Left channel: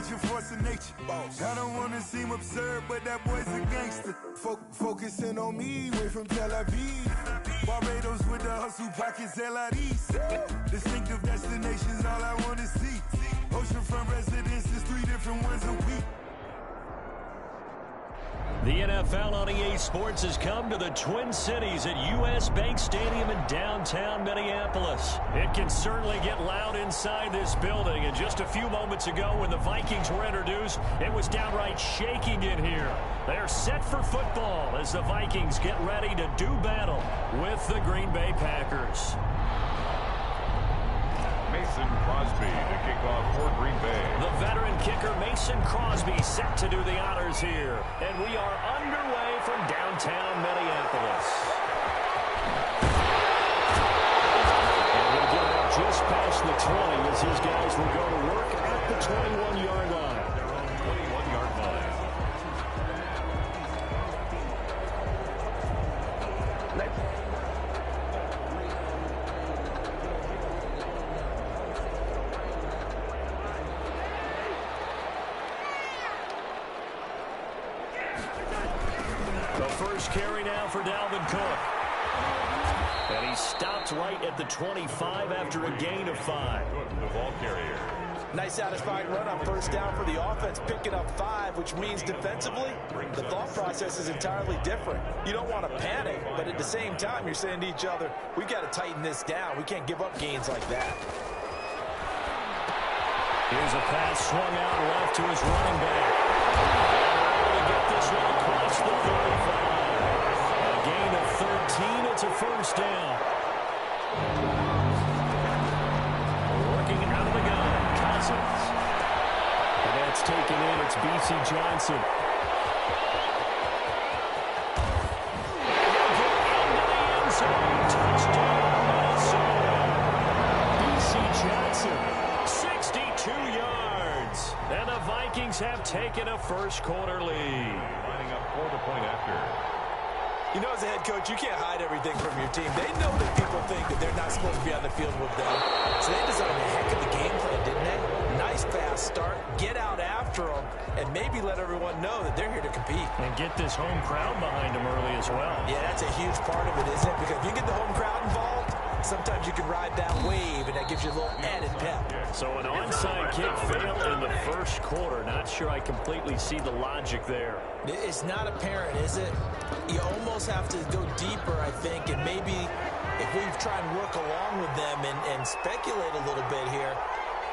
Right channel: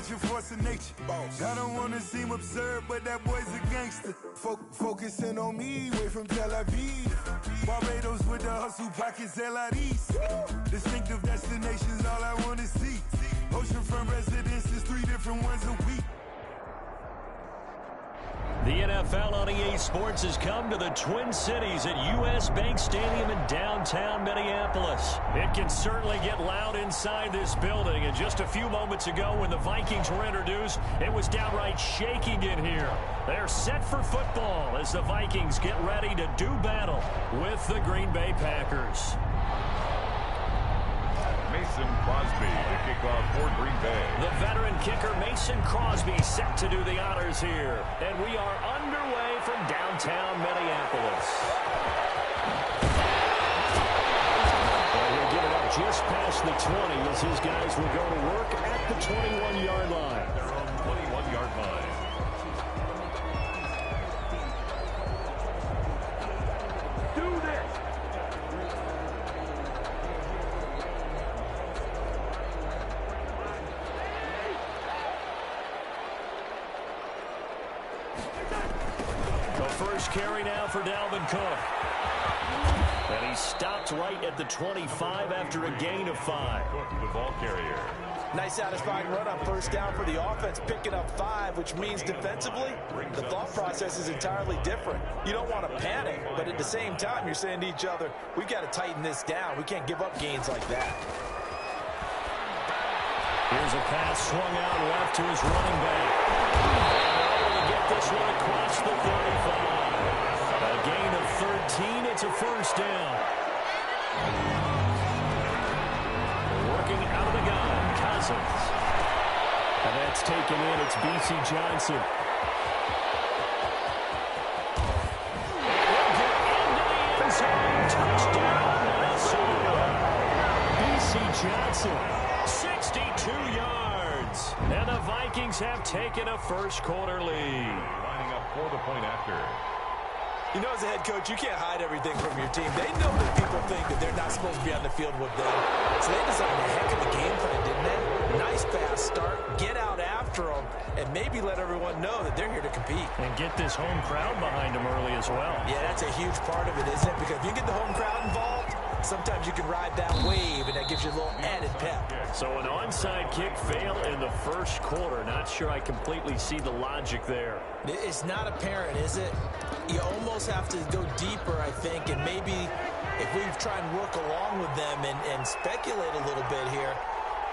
much a force of nature. I don't want to seem absurd, but that boy's a gangster. Focusing on me, way from Tel Aviv. Barbados with the hustle pockets, LIDs. Distinctive destinations, all I want to see. Oceanfront residences, 3 different ones a week. The NFL on EA Sports has come to the Twin Cities at US Bank Stadium in downtown Minneapolis. It can certainly get loud inside this building, and just a few moments ago when the Vikings were introduced, it was downright shaking in here. They're set for football as the Vikings get ready to do battle with the Green Bay Packers. Mason Crosby to kick off for Green Bay. The veteran kicker Mason Crosby set to do the honors here. And we are underway from downtown Minneapolis. And he'll get it up just past the 20 as his guys will go to work at the 21-yard line. Their own 21-yard line. First carry now for Dalvin Cook. And he stopped right at the 25 after a gain of 5. Cook, the ball carrier. Nice satisfying run on first down for the offense, picking up 5, which means defensively, the thought process is entirely different. You don't want to panic, but at the same time, you're saying to each other, we've got to tighten this down. We can't give up gains like that. Here's a pass swung out left to his running back. And they're able to get this one across the 35. A gain of 13. It's a first down. Working out of the gun, Cousins. And that's taken in. It's B.C. Johnson. And he'll get into the end zone. Touchdown, Minnesota. B.C. Johnson. 62 yards. And the Vikings have taken a first quarter lead. Lining up for the point after. You know, as a head coach, you can't hide everything from your team. They know that people think that they're not supposed to be on the field with them. So they designed a heck of a game plan, didn't they? Nice fast start, get out after them, and maybe let everyone know that they're here to compete. And get this home crowd behind them early as well. Yeah, that's a huge part of it, isn't it? Because if you get the home crowd involved, sometimes you can ride that wave, and that gives you a little added pep. So an onside kick failed in the first quarter. Not sure I completely see the logic there. It's not apparent, is it? You almost have to go deeper, I think, and maybe if we try and work along with them and speculate a little bit here,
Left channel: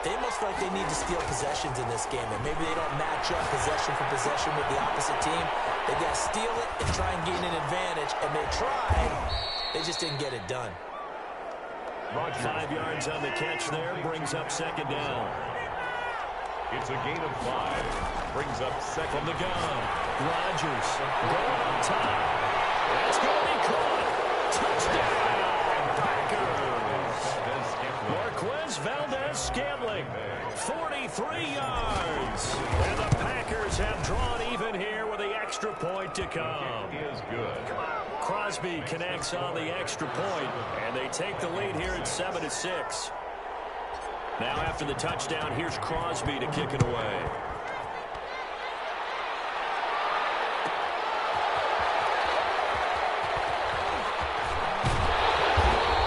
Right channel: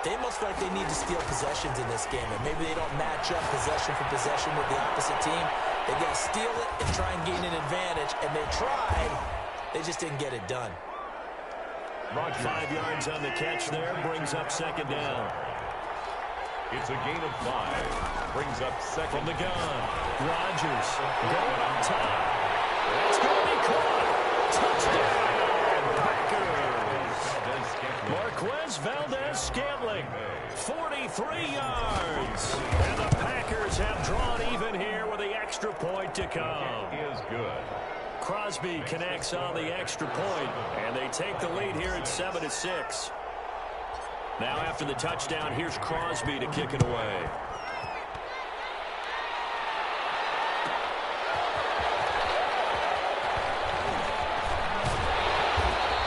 they most likely need to steal possessions in this game, and maybe they don't match up possession for possession with the opposite team. They got to steal it and try and gain an advantage, and they tried. They just didn't get it done. 5 yards on the catch there, brings up second down. It's a gain of 5. Brings up second. From the gun, Rodgers going on top. That's going to be caught. Touchdown, Packers. Marquez Valdez-Scantling, 43 yards. And the Packers have drawn even here with the extra point to come. It is good. Crosby connects on the extra point, and they take the lead here at 7-6. Now after the touchdown, here's Crosby to kick it away.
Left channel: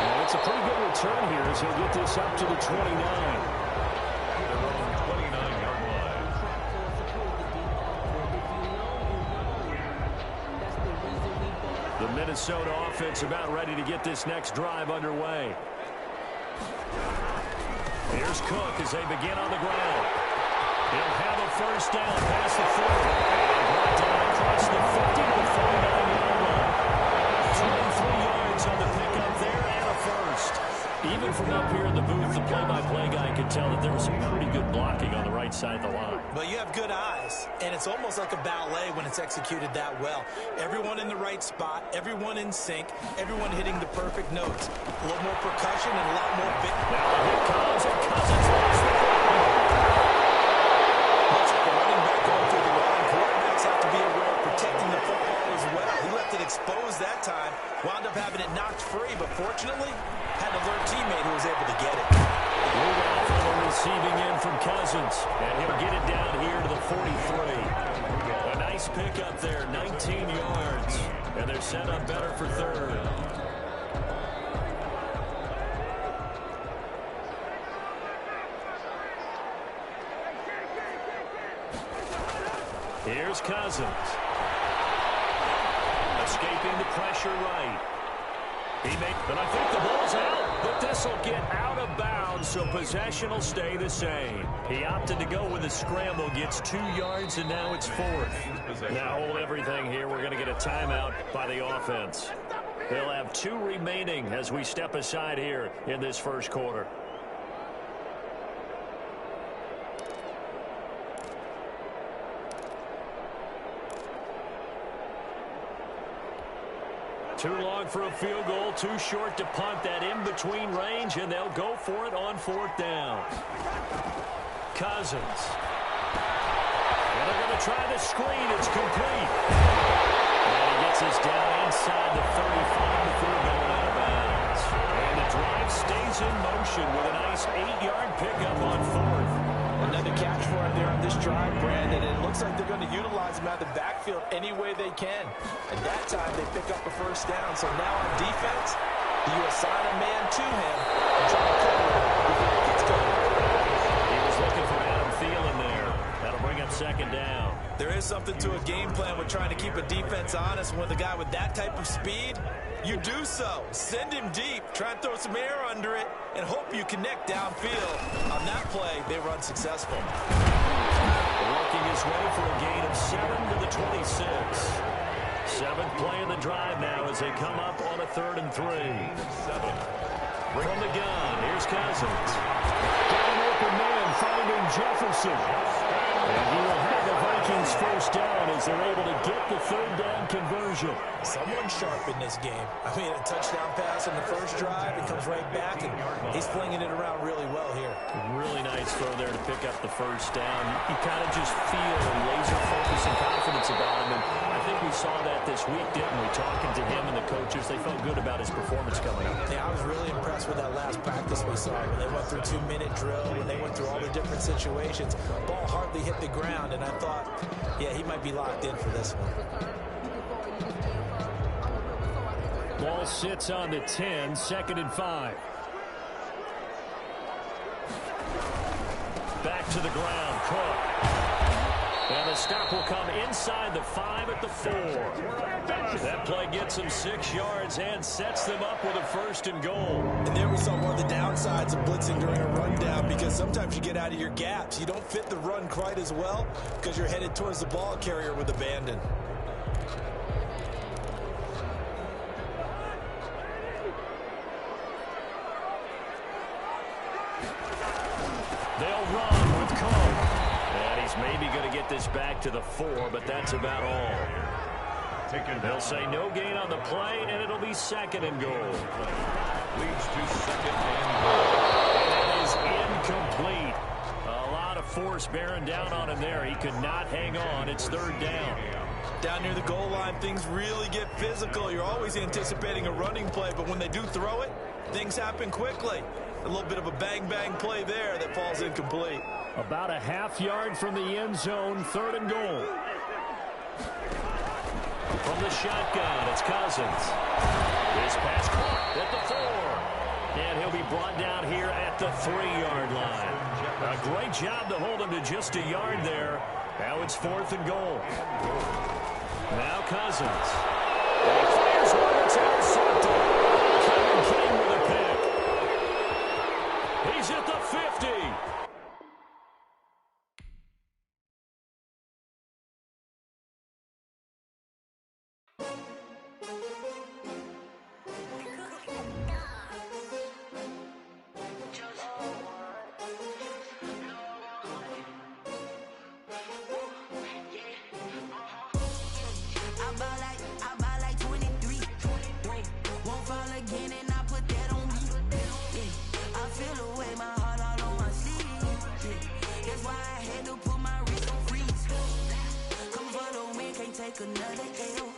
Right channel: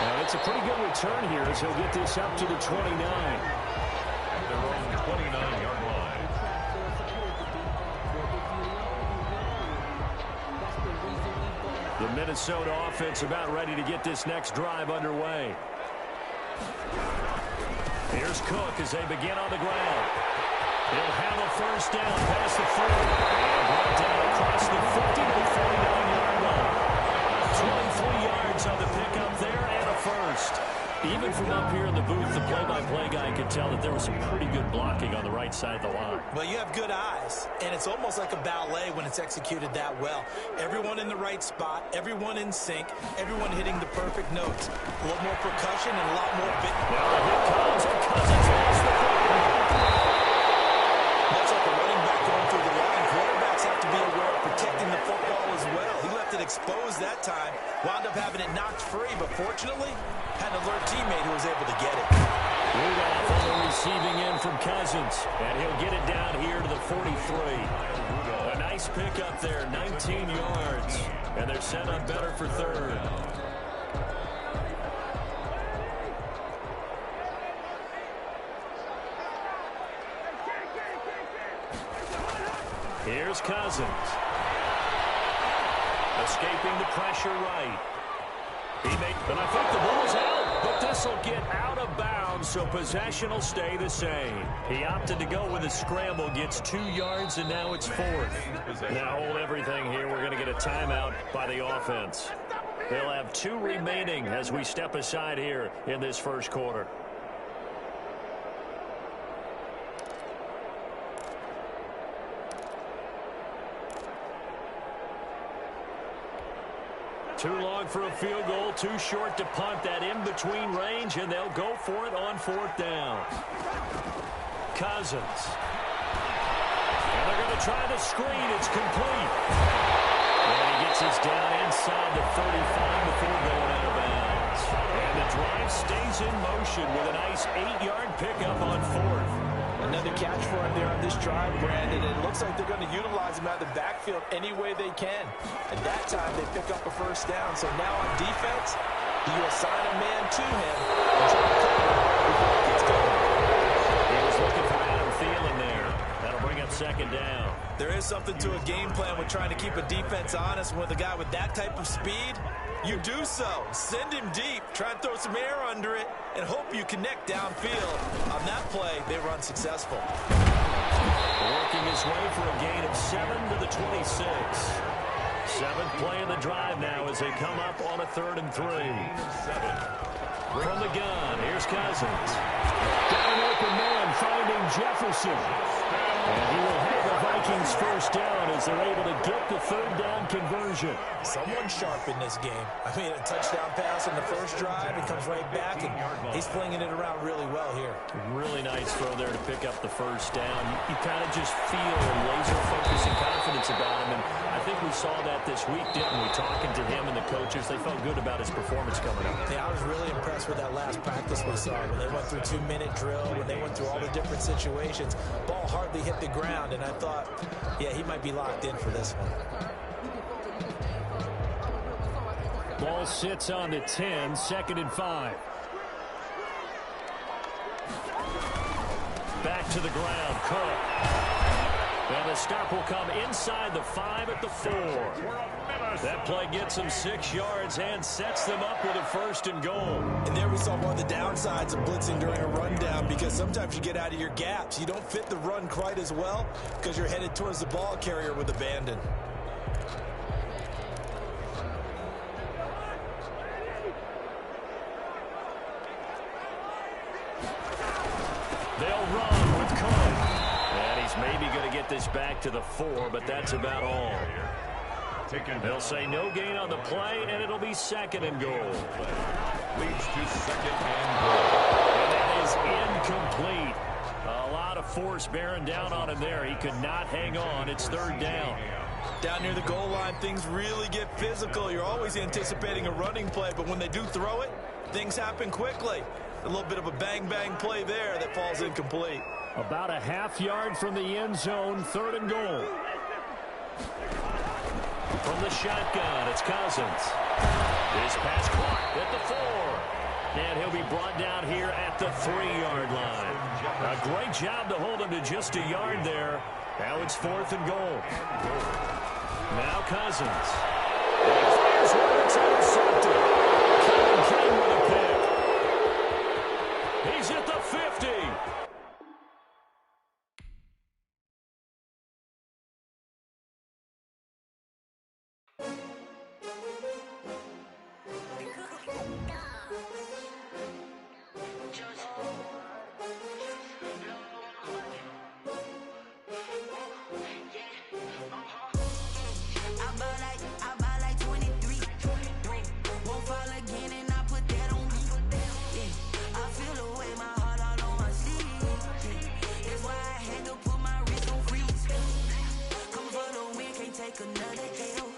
And it's a pretty good return here as he'll get this up to the 29. At their own 29-yard line. The Minnesota offense about ready to get this next drive underway. Here's Cook as they begin on the ground. He'll have a first down past the 40. And brought down across the 50 to the 49-yard line. 23 yards on the pickup there and a first. Even from up here in the booth, the play-by-play guy could tell that there was some pretty good blocking on the right side of the line. Well, you have good eyes, and it's almost like a ballet when it's executed that well. Everyone in the right spot, everyone in sync, everyone hitting the perfect notes. A little more percussion and a lot more bit. Now the hit comes, and Cousins lost the football. Much like a running back going through the line, quarterbacks have to be aware of protecting the football as well. He left it exposed that time, wound up having it knocked free, but fortunately, had an alert teammate who was able to get it. Rudolph on the receiving end from Cousins, and he'll get it down here to the 43. A nice pickup there, 19 yards, and they're set up better for third. Here's Cousins. Escaping the pressure right. But I think the ball's out, but this will get out of bounds, so possession will stay the same. He opted to go with a scramble, gets 2 yards, and now it's fourth. Now hold everything here. We're going to get a timeout by the offense. They'll have 2 remaining as we step aside here in this first quarter. Too long for a field goal, too short to punt. That in-between range, and they'll go for it on 4th down. Cousins. And they're going to try the screen. It's complete. And he gets this down inside the 35 before going out of bounds. And the drive stays in motion with a nice 8-yard pickup on 4th. Another catch for him there on this drive, Brandon. It looks like they're going to utilize him out of the backfield any way they can. At that time, they pick up a first down. So now on defense, you assign a man to him and try to cover him before he gets going. He was looking for Adam Thielen there. That'll bring up 2nd down. There is something to a game plan with trying to keep a defense honest. With a guy with that type of speed, you do so. Send him deep, try and throw some air under it, and hope you connect downfield. On that play, they were unsuccessful. Working his way for a gain of 7 to the 26. 7th play of the drive now as they come up on a 3rd and 3. From the gun, here's Cousins. Got an open man finding Jefferson. And he will have the Vikings first down as they're able to get the 3rd down conversion. Someone sharp in this game. I mean, a touchdown pass in the first drive. It comes right back, and he's flinging it around really well here. Really nice throw there to pick up the first down. You kind of just feel laser focus and confidence about him. And I think we saw that this week, didn't we? Talking to him and the coaches, they felt good about his performance coming up. Yeah, I was really impressed with that last practice we saw when they went through 2-minute drill, when they went through all the different situations. Ball hardly hit the ground, and I thought, yeah, he might be locked in for this one. Ball sits on the 10, 2nd and 5. Back to the ground, Cook. And the stop will come inside the 5 at the 4. That play gets them 6 yards and sets them up with a 1st and goal. And there we saw one of the downsides of blitzing during a rundown, because sometimes you get out of your gaps. You don't fit the run quite as well because you're headed towards the ball carrier with abandon. They'll run with Cook. And he's maybe going to get this back to the 4, but that's about all. They'll say no gain on the play, and it'll be 2nd and goal. Leads to 2nd and goal. And that is incomplete. A lot of force bearing down on him there. He could not hang on. It's 3rd down. Down near the goal line, things really get physical. You're always anticipating a running play, but when they do throw it, things happen quickly. A little bit of a bang-bang play there that falls incomplete. About a half yard from the end zone, 3rd and goal. From the shotgun, it's Cousins. His pass caught at the 4. And he'll be brought down here at the 3-yard line. A great job to hold him to just a yard there. Now it's 4th and goal. Now Cousins. And he fires one that's intercepted. Kevin King with a pick. He's at the 50. Take another L.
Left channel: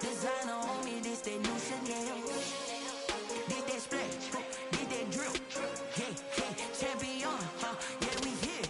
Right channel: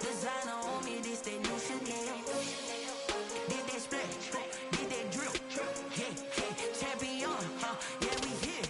Designer on me, this that new Chanel. Did that splash, did that drill. Yeah, yeah. champion, yeah, we here.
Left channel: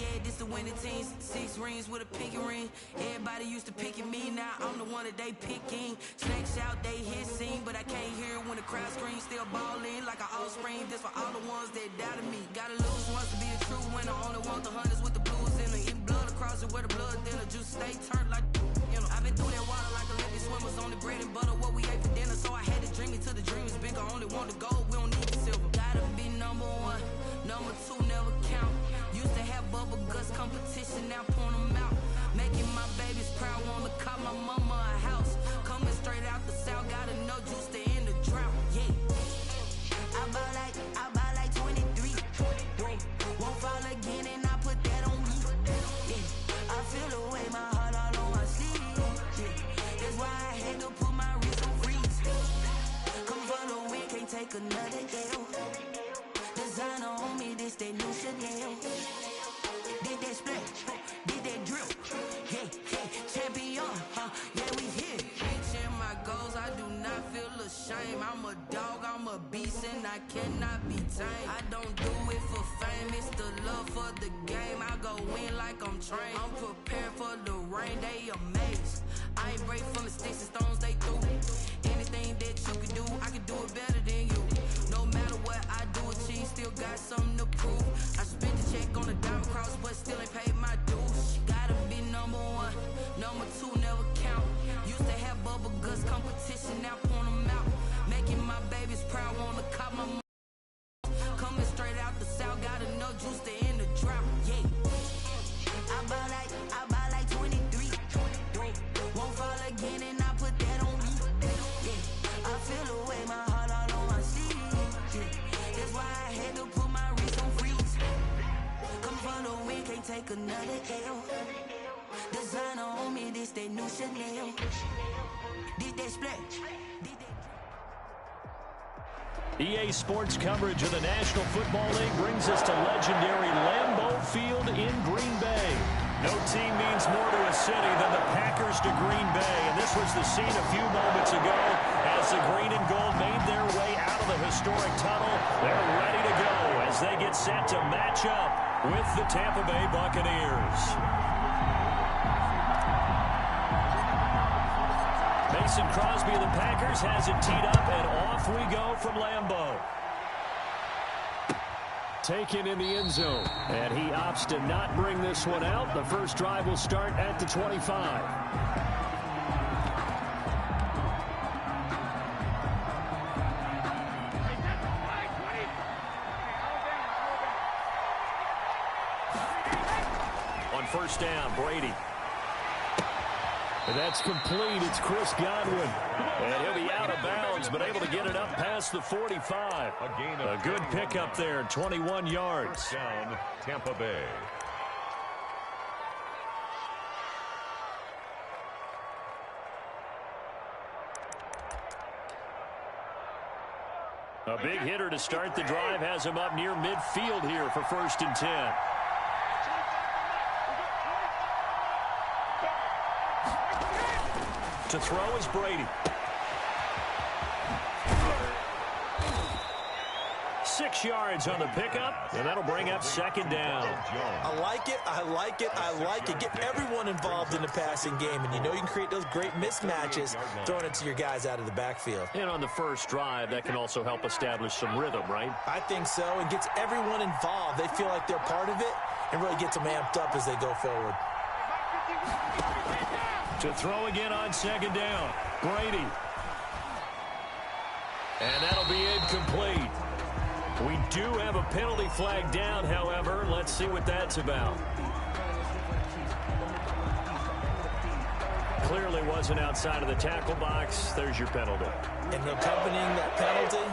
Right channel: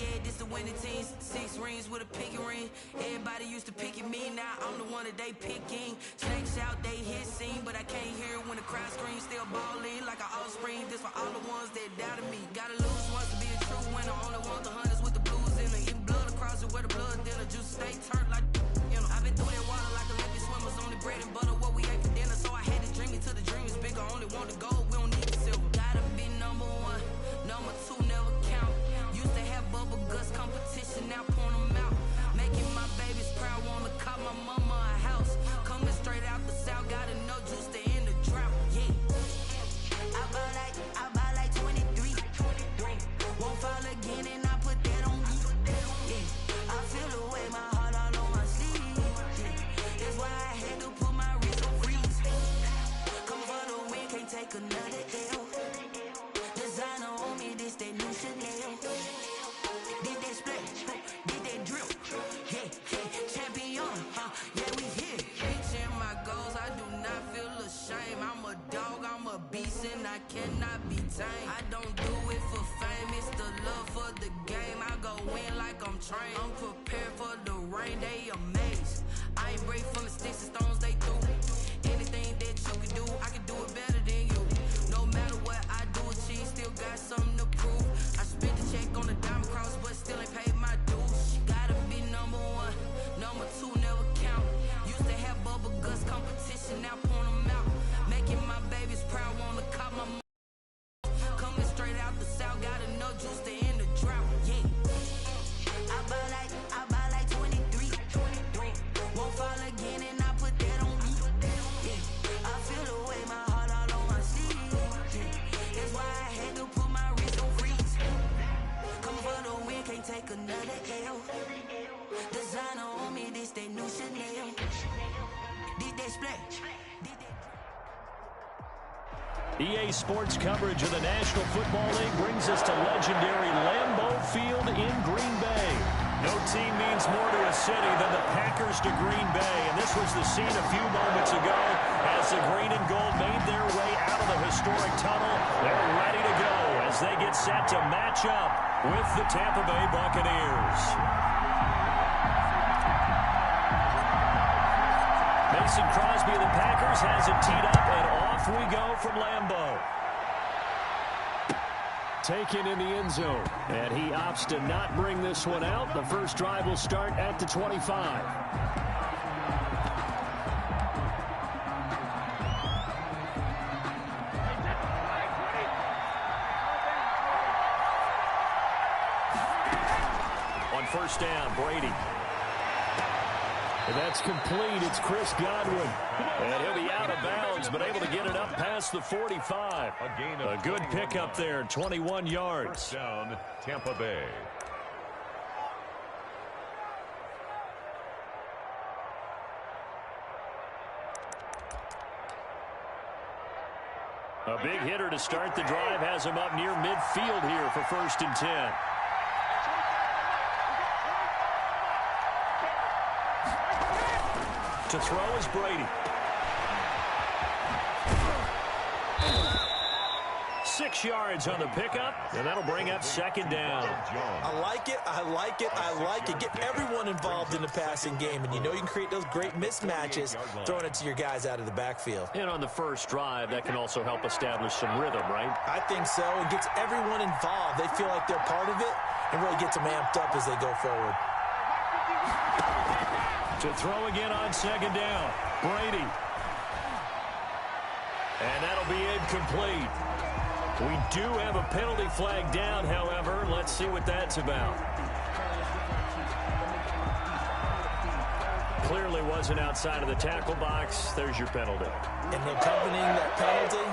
Yeah, this the winning teams. 6 rings with a pinky ring. Everybody used to pick at me, now I'm the one that they picking. Snakes out, they hit scene, but I can't hear it when the crowd screams. Still balling like an offspring. This for all the ones that doubted me. Gotta lose once to be a true winner. Only want the hunters with the blues in it. Eating blood across it where the blood thinner. Juice stay turned like, you know. I've been through that water like Olympic swimmers. Only bread and butter, what we ate for dinner. So I had to dream it till the dream is bigger. Only want the gold, we don't need the silver. Gotta be number 1, number 2 never count. Used to have bubble guts competition, now point them out. Making my babies proud, wanna cop my mama a house. Coming straight out the south, gotta know juice to end the drought. Yeah, I buy like 23. Won't fall again, and I put that on me. Yeah, I feel the way, my heart all on my sleeve. Yeah, that's why I had to put my wrist on freeze. Come for the win, can't take another L. Designer on me, this that new Chanel. Did that splash, did that drip. Yeah, champion, yeah, we here. Reaching my goals, I do not feel ashamed. I'm a dog, I'm a beast, and I cannot be tamed. I don't do it for fame, it's the love for the game. I go in like I'm trained. I'm prepared for the rain, they amazed. I ain't break from the sticks and stones they threw. Anything that you can do, I can do it better than you. No matter what I do, achieve, still got something to prove. I spent the check on the diamond cross, but still ain't paid my dues. Gotta be number 1, number 2 never count. Used to have bubble guts competition, now point them out. Making my babies proud, wanna cop my mom. Coming straight out the south, gotta know juice to end the drought. Yeah, I buy like 23. Won't fall again, and I put that on me. Yeah, I feel the way, my heart all on my sleeve. Yeah, that's why I had to put my wrist on freeze. Coming for the win, can't take another L. Designer on me, this that new Chanel. Did that splash, did that. EA Sports coverage of the National Football League brings us to legendary Lambeau Field in Green Bay. No team means more to a city than the Packers to Green Bay, and this was the scene a few moments ago as the green and gold made their way out of the historic tunnel. They're ready to go as they get set to match up with the Tampa Bay Buccaneers. Mason Crosby of the Packers has it teed up, and off we go from Lambeau. Taken in the end zone, and he opts to not bring this one out. The first drive will start at the 25. On first down, Brady. And that's complete. It's Chris Godwin. And he'll be out of bounds, but able to get it up past the 45. A good pickup there, 21 yards. First down, Tampa Bay. A big hitter to start the drive has him up near midfield here for 1st and 10. To throw is Brady. 6 yards on the pickup, and that'll bring up 2nd down. I like it, I like it, I like it. Get everyone involved in the passing game, and you know you can create those great mismatches throwing it to your guys out of the backfield. And on the first drive, that can also help establish some rhythm, right? I think so. It gets everyone involved. They feel like they're part of it and really gets them amped up as they go forward. To throw again on 2nd down, Brady. And that'll be incomplete. We do have a penalty flag down, however. Let's see what that's about. Clearly wasn't outside of the tackle box. There's your penalty. And accompanying that penalty,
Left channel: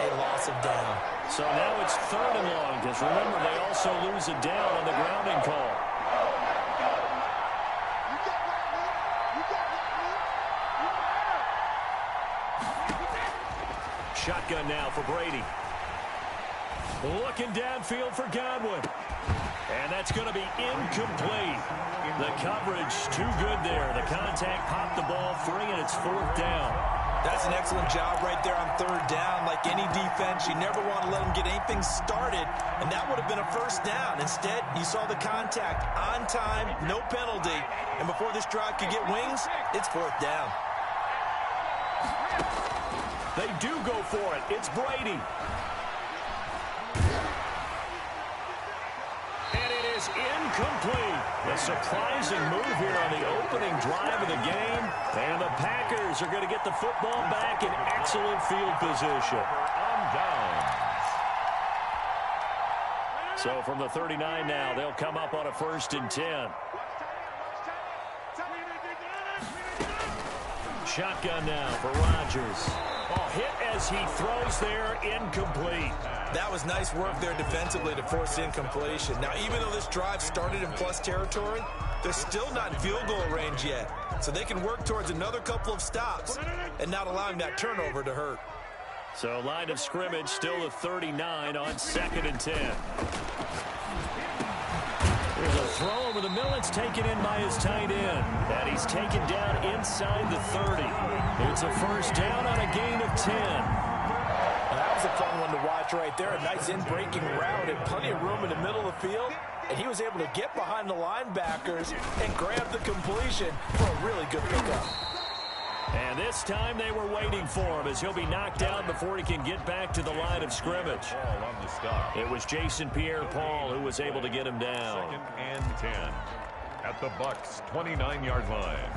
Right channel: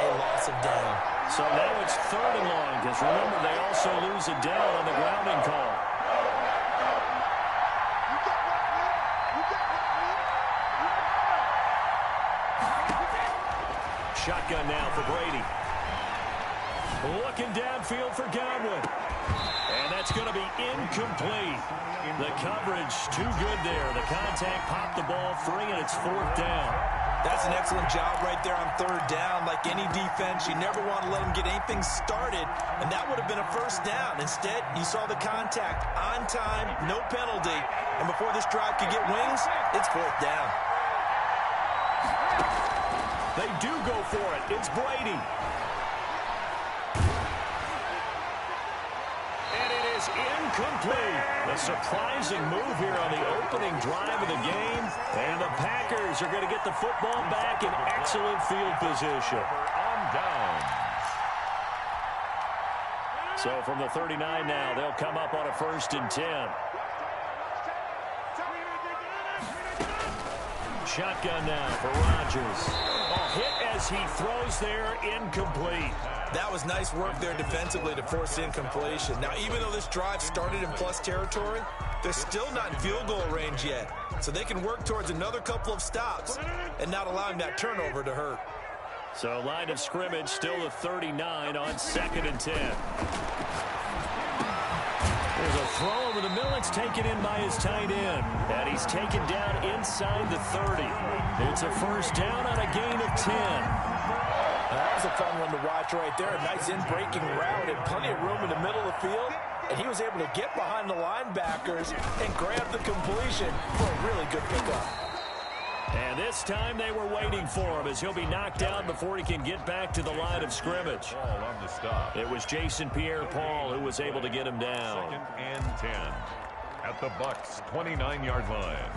a loss of down. So now it's 3rd and long, because remember, they also lose a down on the grounding call. Shotgun now for Brady. Looking downfield for Godwin. And that's going to be incomplete. The coverage too good there. The contact popped the ball free, and it's 4th down. That's an excellent job right there on third down. Like any defense, you never want to let them get anything started, and that would have been a first down. Instead, you saw the contact on time, no penalty, and before this drive could get wings, it's fourth down. They do go for it. It's Brady. And it is incomplete. A surprising move here on the opening drive of the game. And the Packers are going to get the football back in excellent field position. On downs. So from the 39 now, they'll come up on a 1st and 10. Shotgun now for Rodgers. Oh, hit as he throws there, incomplete. That was nice work there defensively to force incompletion. Now, even though this drive started in plus territory, they're still not in field goal range yet. So they can work towards another couple of stops and not allowing that turnover to hurt. So line of scrimmage still the 39 on 2nd and 10. There's a throw over the middle. It's taken in by his tight end. And he's taken down inside the 30. It's a first down on a gain of 10. That was a fun one to watch right there. A nice in-breaking route and plenty of room in the middle of the field. And he was able to get behind the linebackers and grab the completion for a really good pickup. And this time they were waiting for him as he'll be knocked out before he can get back to the line of scrimmage. Ball on the stop. It was Jason Pierre-Paul who was able to get him down. 2nd and 10 at the Bucs' 29-yard line.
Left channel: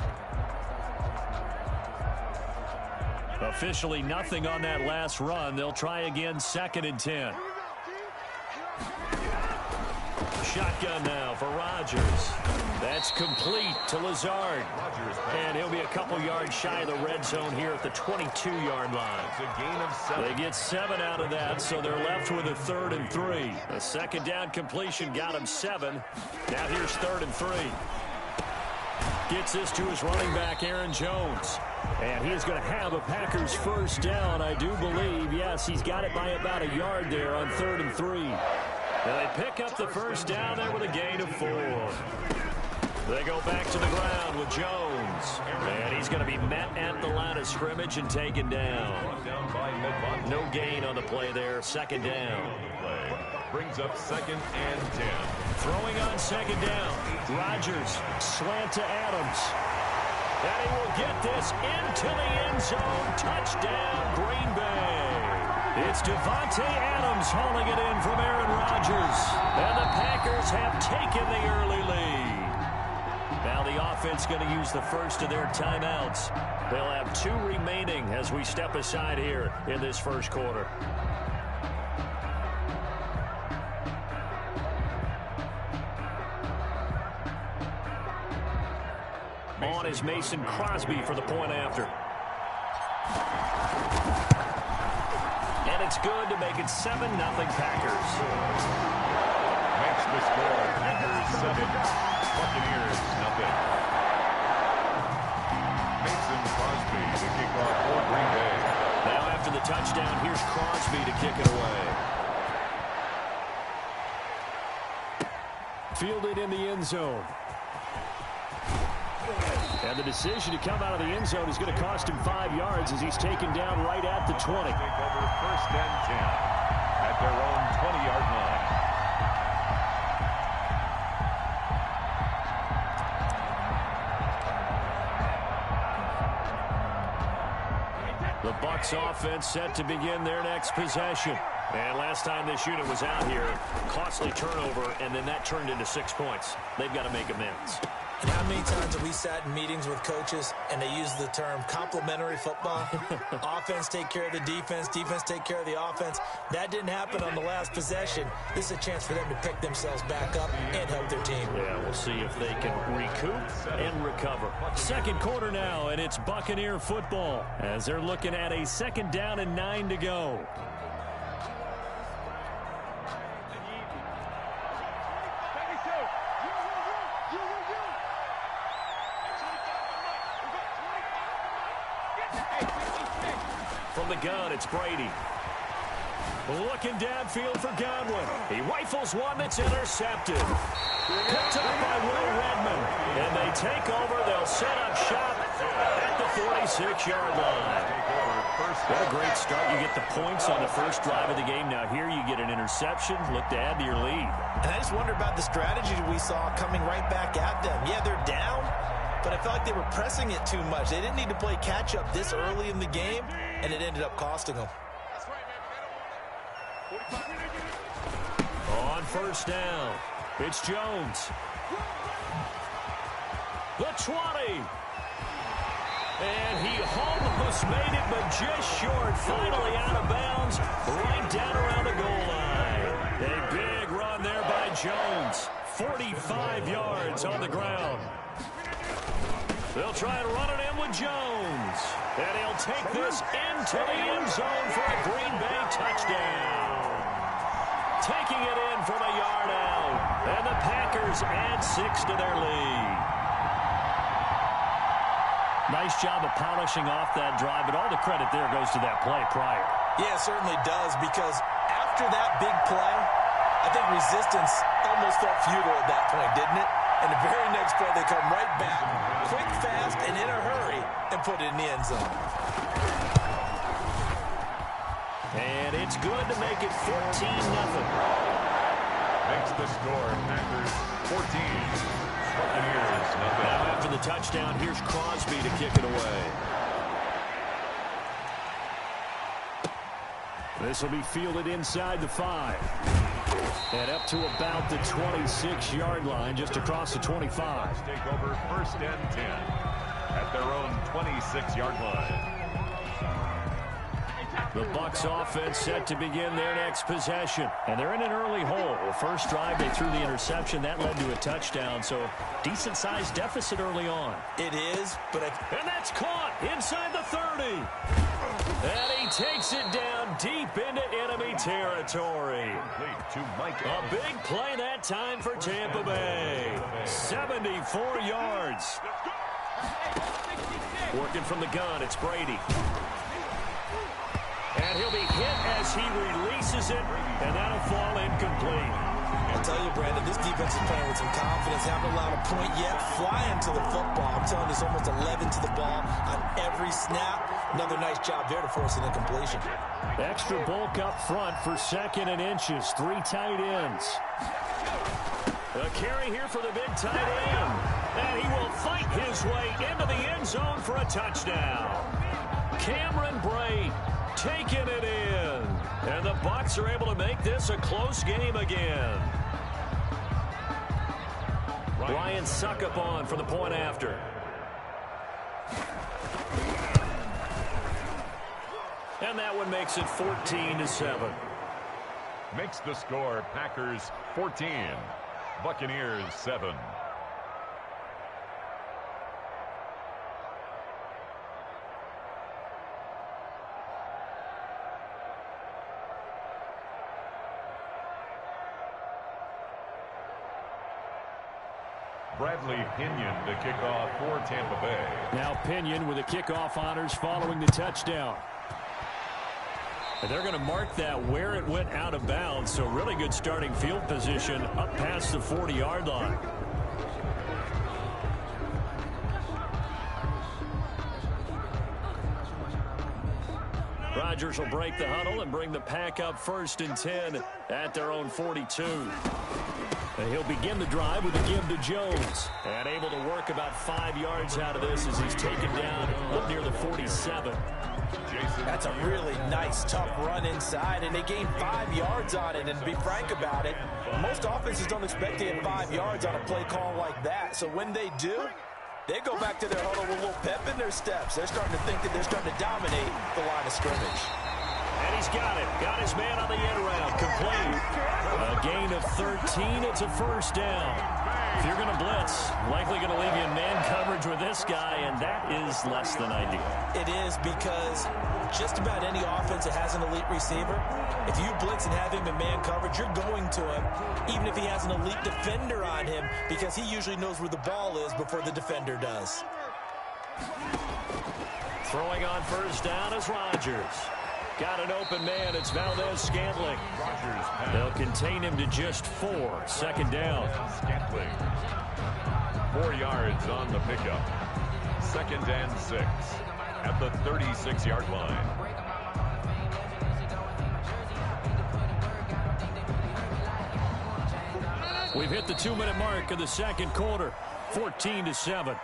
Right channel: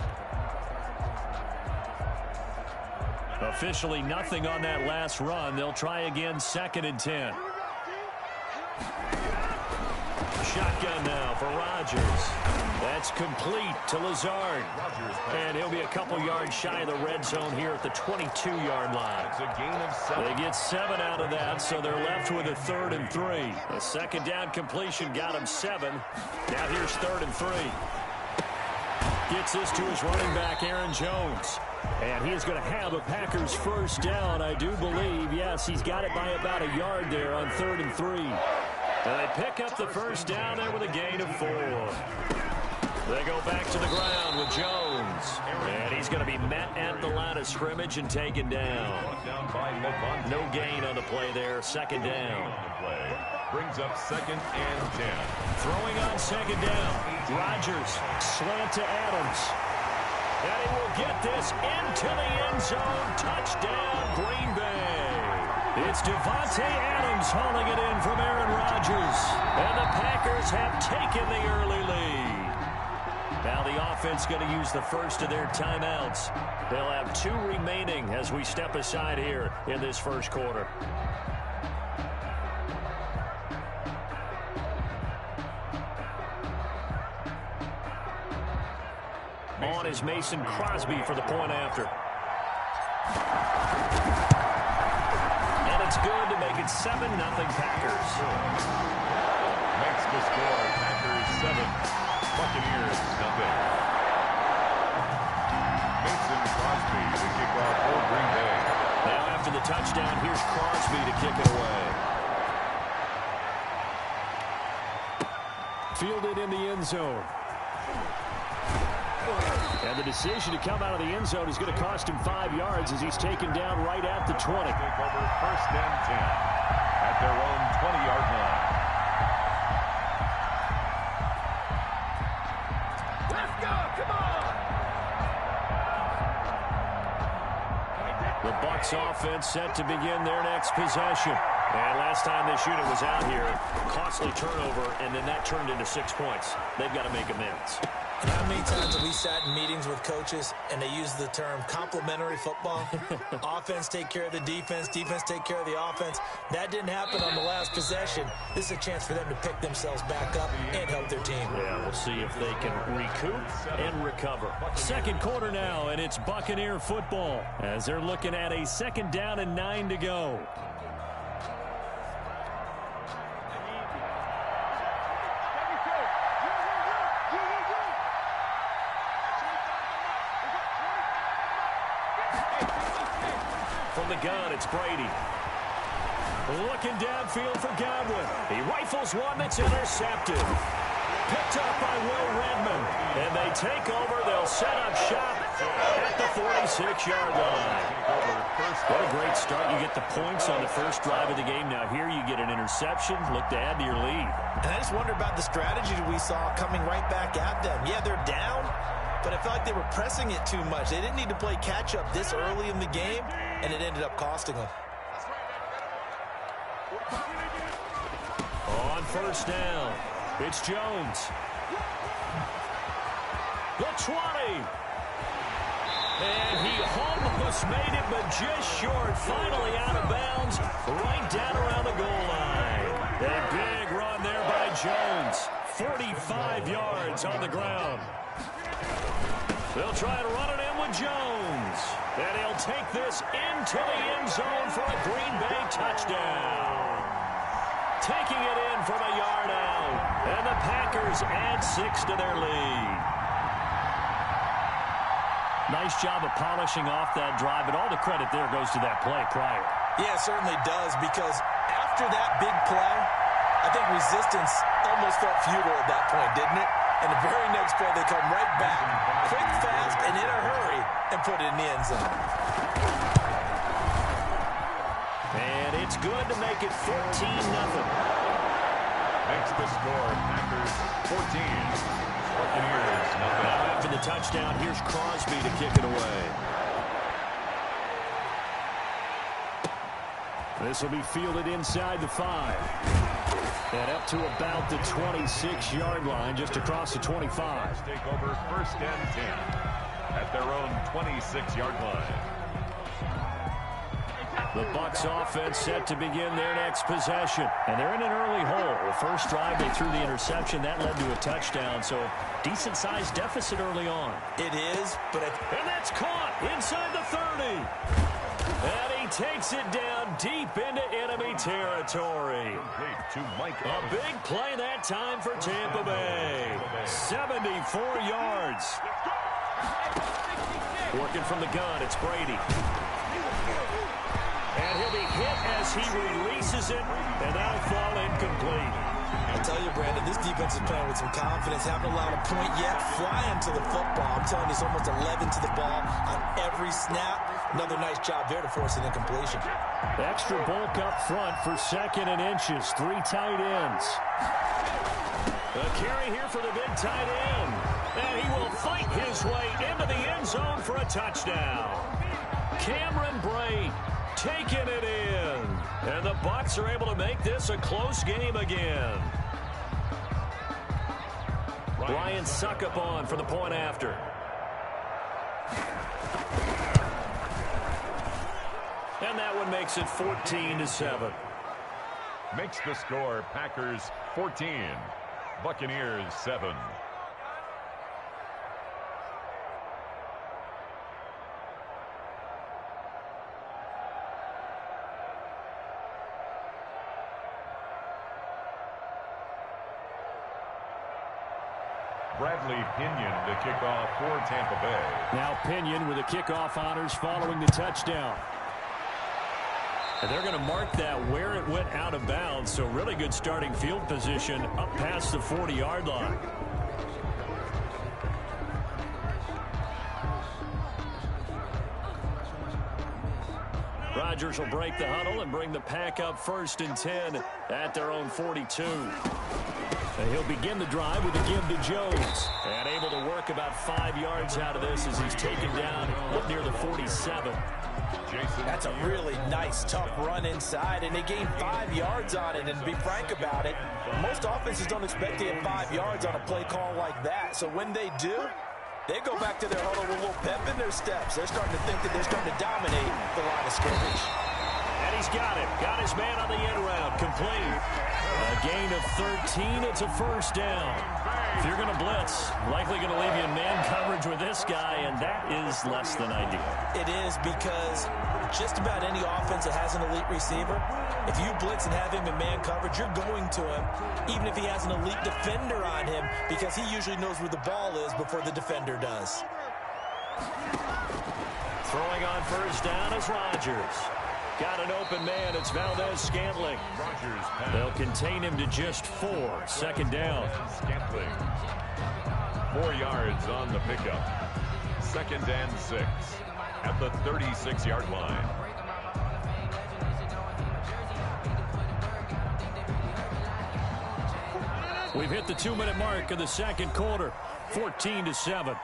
Officially nothing on that last run. They'll try again 2nd and 10. Shotgun now for Rodgers. That's complete to Lazard. And he'll be a couple yards shy of the red zone here at the 22-yard line. It's a gain of 7. They get 7 out of that, so they're left with a 3rd and 3. A second down completion got him 7. Now here's 3rd and 3. Gets this to his running back, Aaron Jones. And he is going to have a Packers first down, I do believe. Yes, he's got it by about a yard there on 3rd and 3. And they pick up the first down there with a gain of 4. They go back to the ground with Jones. And he's going to be met at the line of scrimmage and taken down. No gain on the play there. 2nd down. Brings up 2nd and 10. Throwing on 2nd down. Rodgers, slant to Adams. And he will get this into the end zone. Touchdown, Green Bay. It's Devontae Adams hauling it in from Aaron Rodgers. And the Packers have taken the early lead. Now the offense going to use the first of their timeouts. They'll have 2 remaining as we step aside here in this first quarter. On is Mason Crosby for the point after. And it's good to make it 7-0 Packers. Makes the score. Packers 7. Buccaneers nothing. Mason Crosby to kick off for Green Bay. Now after the touchdown, here's Crosby to kick it away. Fielded in the end zone. And the decision to come out of the end zone is going to cost him 5 yards as he's taken down right at the 20. Take over 1st and 10 at their own 20-yard line. The Bucs offense set to begin their next possession. And last time this unit was out here, costly turnover, and then that turned into 6 points. They've got to make amends. And how many times have we sat in meetings with coaches and they use the term complementary football? Offense take care of the defense, defense take care of the offense. That didn't happen on the last possession. This is a chance for them to pick themselves back up and help their team. Yeah, we'll see if they can recoup and recover. Second quarter now, and it's Buccaneer football as they're looking at a 2nd down and 9 to go. From the gun, it's Brady. Looking downfield for Godwin. He rifles one that's intercepted. Picked up by Will Redmond. And they take over. They'll set up shop at the 46-yard line. What a great start. You get the points on the first drive of the game. Now here you get an interception. Look to add to your lead. And I just wonder about the strategy we saw coming right back at them. Yeah, they're down, but I felt like they were pressing it too much. They didn't need to play catch-up this early in the game, and it ended up costing them. On first down, it's Jones. The 20. And he almost made it, but just short. Finally out of bounds, right down around the goal line. A big run there by Jones. 45 yards on the ground. They'll try and run it in with Jones. And he'll take this into the end zone for a Green Bay touchdown. Taking it in from a yard out. And the Packers add 6 to their lead. Nice job of polishing off that drive, but all the credit there goes to that play prior. Yeah, it certainly does, because after that big play, I think resistance almost felt futile at that point, didn't it? And the very next play, they come right back, quick, fast, and in a hurry, and put it in the end zone. And it's good to make it 14-0. Makes the score Packers 14. Buccaneers nothing. Now after the touchdown, here's Crosby to kick it away. This will be fielded inside the 5. And up to about the 26-yard line, just across the 25. Take over first and 10 at their own 26-yard line. The Bucs offense set to begin their next possession. And they're in an early hole. The first drive, they threw the interception. That led to a touchdown, so decent-sized deficit early on. It is, but... And that's caught inside the 30. And he takes it down deep into enemy territory. A big play that time for Tampa Bay. 74 yards. Working from the gun, it's Brady. And he'll be hit as he releases it, and that'll fall incomplete. I tell you, Brandon, this defense is playing with some confidence. Haven't allowed a point yet. Flying to the football. I'm telling you, it's almost 11 to the ball on every snap. Another nice job there to force an incompletion. Extra bulk up front for 2nd and inches. 3 tight ends. A carry here for the big tight end. And he will fight his way into the end zone for a touchdown. Cameron Brate taking it in. And the Bucs are able to make this a close game again. Ryan Suckup on for the point after. And that one makes it 14-7. Makes the score Packers 14, Buccaneers 7. Bradley Pinion to kick off for Tampa Bay. Now Pinion with the kickoff honors following the touchdown. And they're going to mark that where it went out of bounds, so really good starting field position up past the 40-yard line. Rodgers will break the huddle and bring the Pack up 1st and 10 at their own 42. And he'll begin the drive with a give to Jones. And able to work about 5 yards out of this as he's taken down up near the 47. That's a really nice, tough run inside, and they gained 5 yards on it. And to be frank about it, most offenses don't expect to get 5 yards on a play call like that. So when they do, they go back to their huddle with a little pep in their steps. They're starting to think that they're starting to dominate the line of scrimmage. And he's got it. Got his man on the end round. Complete. A gain of 13. It's a first down. If you're going to blitz, likely going to leave you in man coverage with this guy, and that is less than ideal. It is, because just about any offense that has an elite receiver, if you blitz and have him in man coverage, you're going to him, even if he has an elite defender on him, because he usually knows where the ball is before the defender does. Throwing on first down is Rodgers. Got an open man. It's Valdez-Scantling. They'll contain him to just 4. Second down. Scantling. 4 yards on the pickup. 2nd and 6 at the 36-yard line. We've hit the 2-minute mark of the second quarter. 14-7.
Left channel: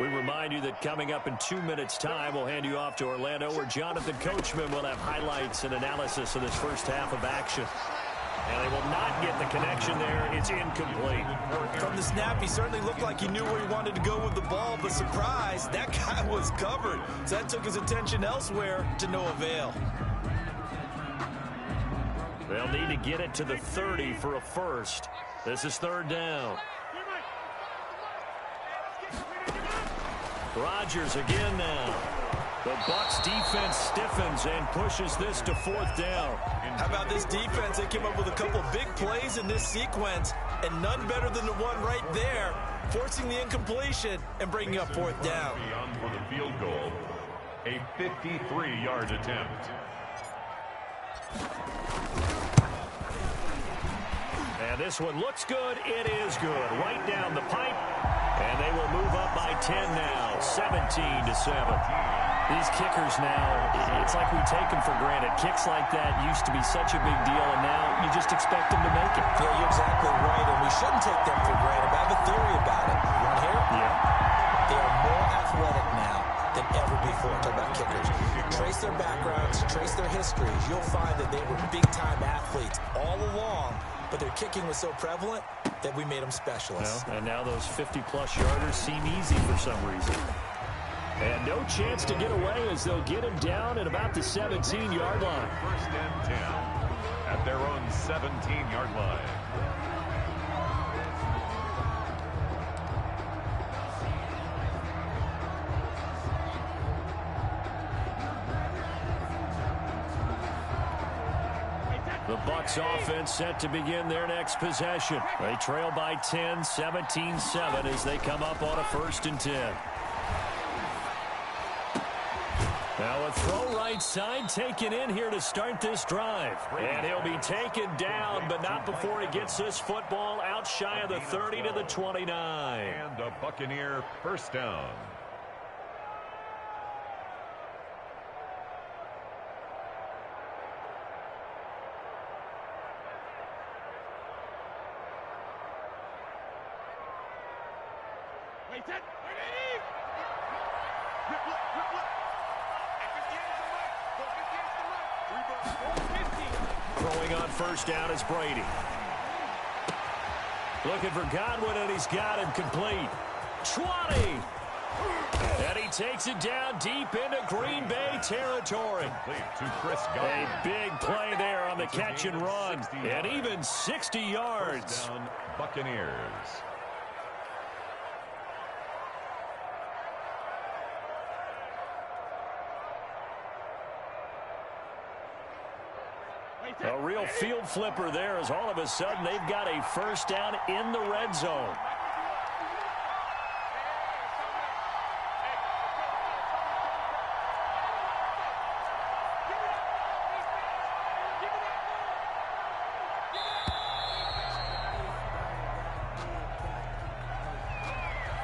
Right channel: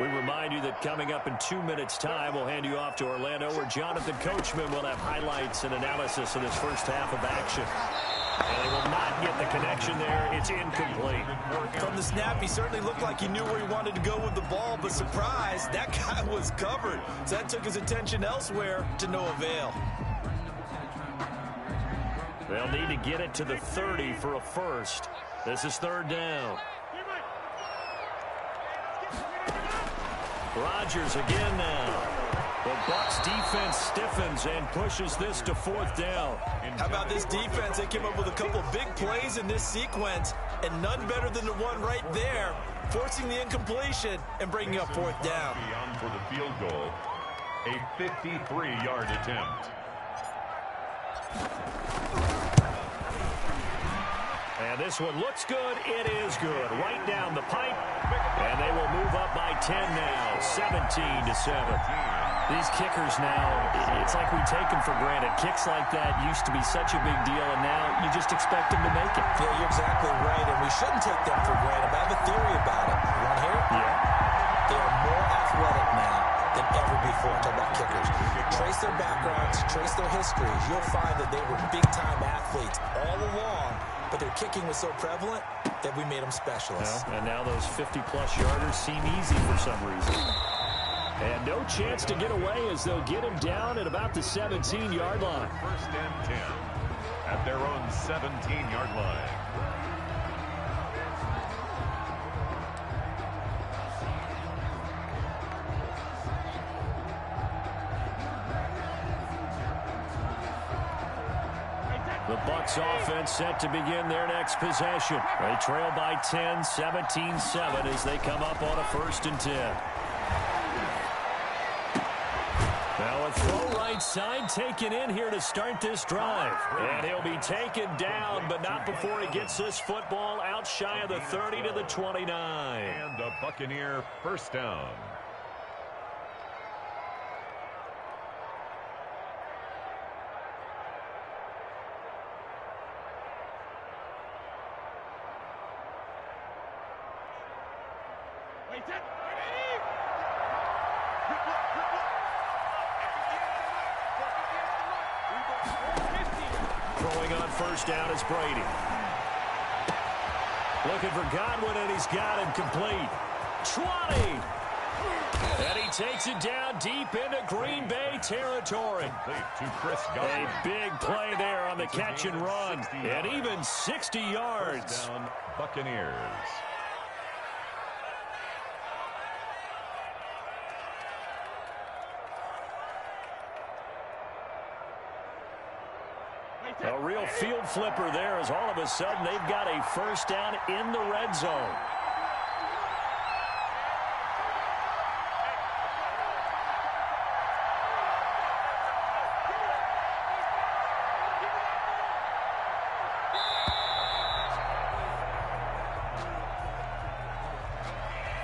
We remind you that coming up in 2 minutes' time, we'll hand you off to Orlando, where Jonathan Coachman will have highlights and analysis of this first half of action. And they will not get the connection there. It's incomplete. From the snap, he certainly looked like he knew where he wanted to go with the ball, but surprise, that guy was covered. So that took his attention elsewhere to no avail. They'll need to get it to the 30 for a first. This is 3rd down. Rodgers again now. The Bucs defense stiffens and pushes this to 4th down. How about this defense? They came up with a couple of big plays in this sequence, and none better than the one right there, forcing the incompletion and bringing up 4th down. Beyond for the field goal, a 53-yard attempt. And this one looks good. It is good. Right down the pipe. And they will move up by 10 now, 17-7. These kickers now, it's like we take them for granted. Kicks like that used to be such a big deal, and now you just expect them to make it. Yeah, you're exactly right, and we shouldn't take them for granted. But I have a theory about it. You want to hear it? Yeah. They are more athletic now than ever before. Talk about kickers. Trace their backgrounds, trace their histories. You'll find that they were big-time athletes all along, but their kicking was so prevalent that we made them specialists. Well, and now those 50-plus yarders seem easy for some reason. And no chance to get away as they'll get him down at about the 17-yard line. 1st and 10 at their own 17-yard line. The Bucs offense set to begin their next possession. They trail by 10, 17-7 as they come up on a 1st and 10. Now a throw right side taken in here to start this drive. And he'll be taken down, but not before he gets this football out shy of the 30 to the 29. And a Buccaneer 1st down. Throwing on 1st down is Brady. Looking for Godwin, and he's got him complete. 20. And he takes it down deep into Green Bay territory. To Chris Godwin. A big play there on the catch and run. And even 60 yards. 1st down, Buccaneers. A real field flipper there, as all of a sudden they've got a 1st down in the red zone.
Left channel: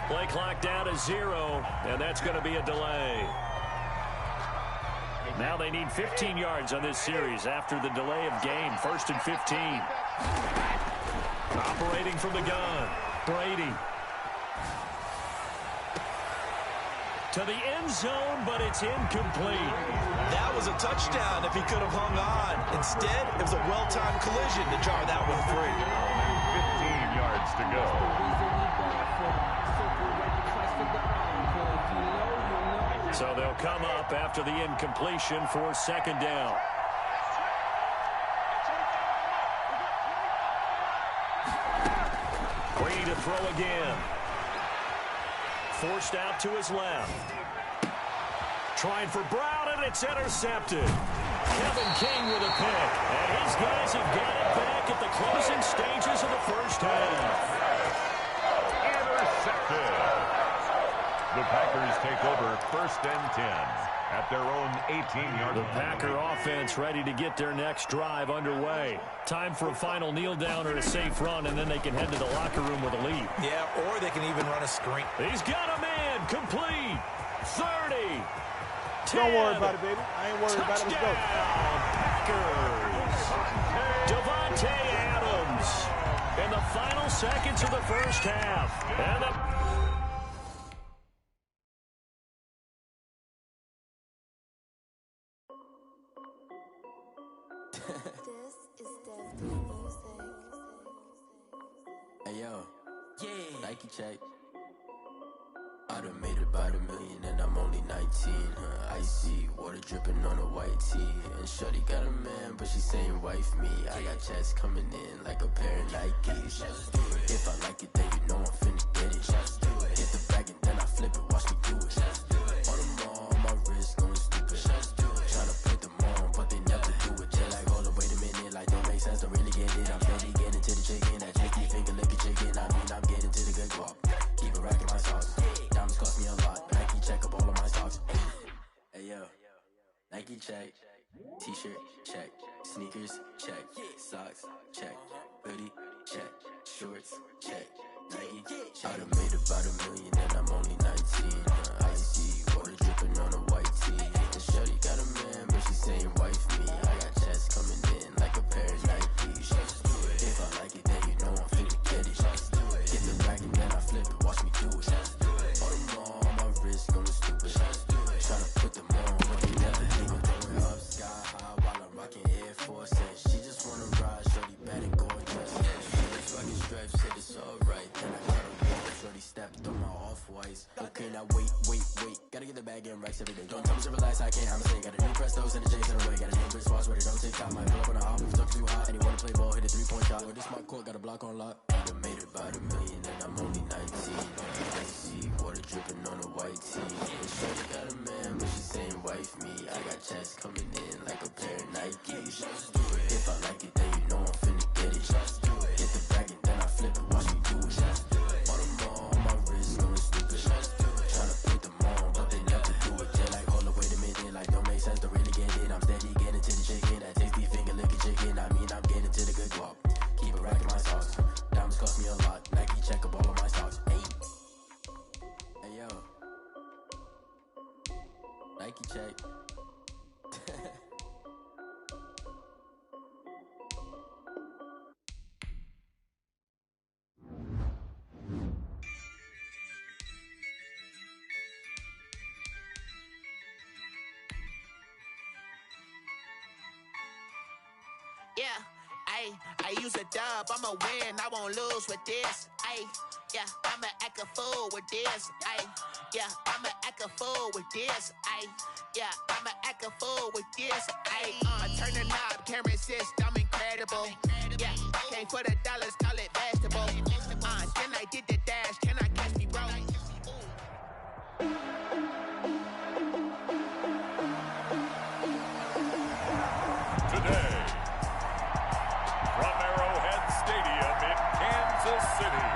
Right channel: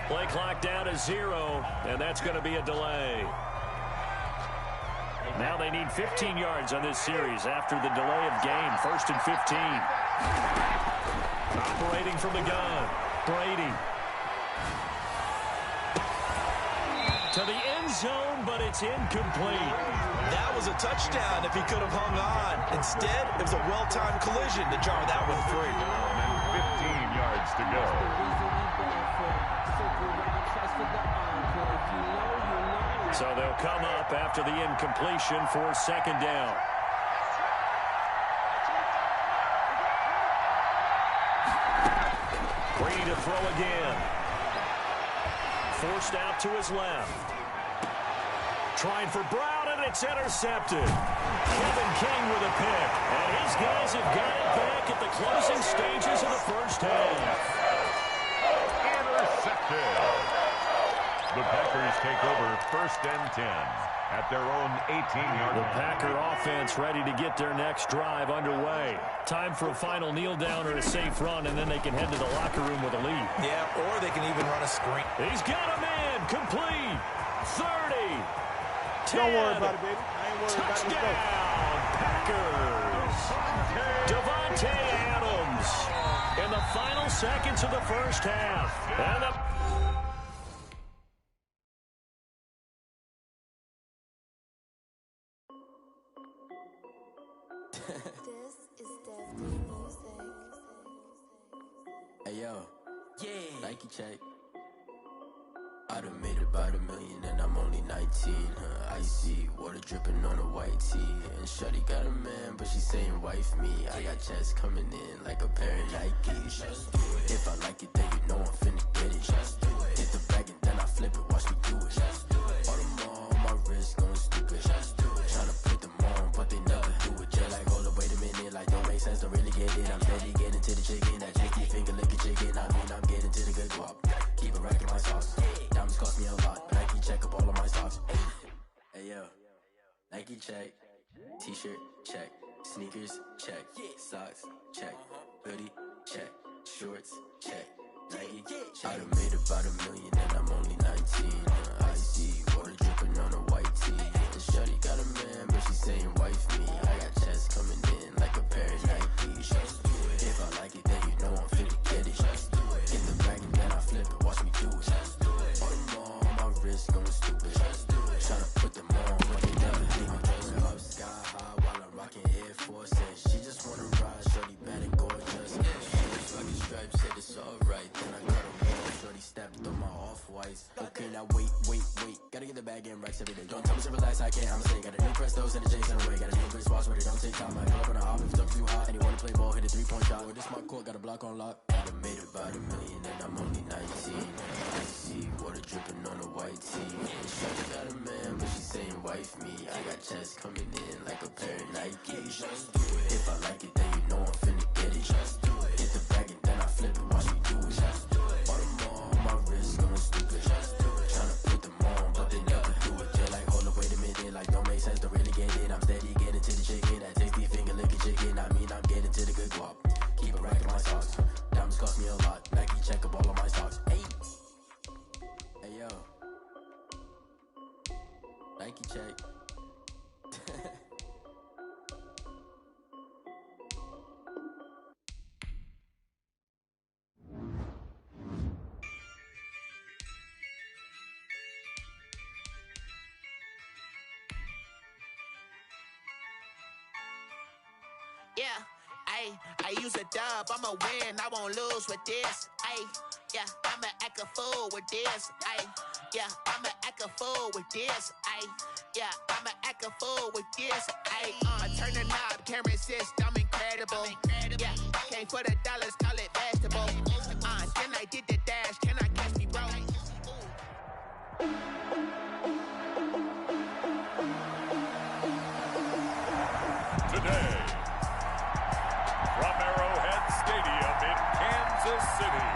Play clock down to 0, and that's going to be a delay. Now they need 15 yards on this series after the delay of game. 1st and 15. Operating from the gun, Brady. To the end zone, but it's incomplete. That was a touchdown if he could have hung on. Instead, it was a well-timed collision to jar that one free. 15 yards to go. So they'll come up after the incompletion for 2nd down. Brady to throw again. Forced out to his left. Trying for Brown, and it's intercepted. Kevin King with a pick. And his guys have got it back at the closing stages of the first half. Intercepted. The Packers take over 1st and 10 at their own 18-yard line. The Packer offense ready to get their next drive underway. Time for a final kneel down or a safe run, and then they can head to the locker room with a lead. Yeah, or they can even run a screen. He's got a man. Complete. 30. 10. Don't worry about it, baby. I ain't worried about it. Let's go. Packers. Devontae Adams in the final seconds of the first half. And This is Dev D Music. Hey yo, yeah, Nike check. I done made about $1 million and I'm only 19. Icy water dripping on a white tee. And shorty got a man, but she saying wife me. I got checks coming in like a pair of Nikes. If I like it, then you know I'm finna get it. Hit the bag and then I flip it, watch me do it. All them on my wrist going stupid. Tryna put them on, but they never do it. They're like, hold up, wait a minute, like don't make sense, don't really get it. I'm steady getting to the chicken, that chicky finger licking chicken. I mean, I'm getting to the good guap. Keep it racking my sauce. Diamonds cost me a lot. Nike check up all of my socks. Hey yo, Nike check. T-shirt check. Sneakers check. Socks check. Hoodie check. Shorts check. Nike. I done made about $1 million and I'm only 19. Icy water dripping on a white tee. And shorty got a man, but she saying wife me. I got checks coming in like a pair of Nikes. If I like it, then you know I'm finna get it. Get the bag and then I flip it, watch me do it. All them on my wrist going stupid. Tryna put them on, but they never leave. I'm going up sky high while I'm rocking Air Force. And she just wanna ride, shorty bad and gorgeous. She fucking stripes, said it's alright. Then I got a wall, shorty stepped on my off-whites. Okay, now wait. Gotta get the bag and racks every day. Don't tell me to relax, I can't, I'm saying. Got a new Prestos and a J's in a way. Got a new bitch watch where they don't take time. I pull up on a hop if it's too hot. And he wanna play ball, hit a 3-point shot. With this my court, got a block on lock. I done made about $1 million and I'm only 19. I see water dripping on a white tee. And shorty got a man, but she saying wife me. I got checks coming in like a pair of Nikes. If I like it, then you know I'm finna get it. Hit the bag and then I flip it, watch me do it. All them on my wrist going stupid. Tryna put them on, but they never do it. They're like, hold up, wait a minute, like don't make sense, don't really get it. I'm steady getting to the chicken, that tasty finger licking chicken. I mean, I'm getting to the good guap. Keep it racking my sauce. Diamonds cost me a lot. Nike check up all of my stocks. Hey yo, Nike check. Yeah, I use a dub, I'ma win, I won't lose with this. Yeah, I'ma act a fool with this. Yeah, I'ma act a fool with this. Yeah, I'ma act a fool with this. I turn the knob, can't resist, I'm incredible. Yeah, came for the dollars, call it vegetable. Then I did the dash, can I catch me, bro? Today, from Arrowhead Stadium in Kansas City,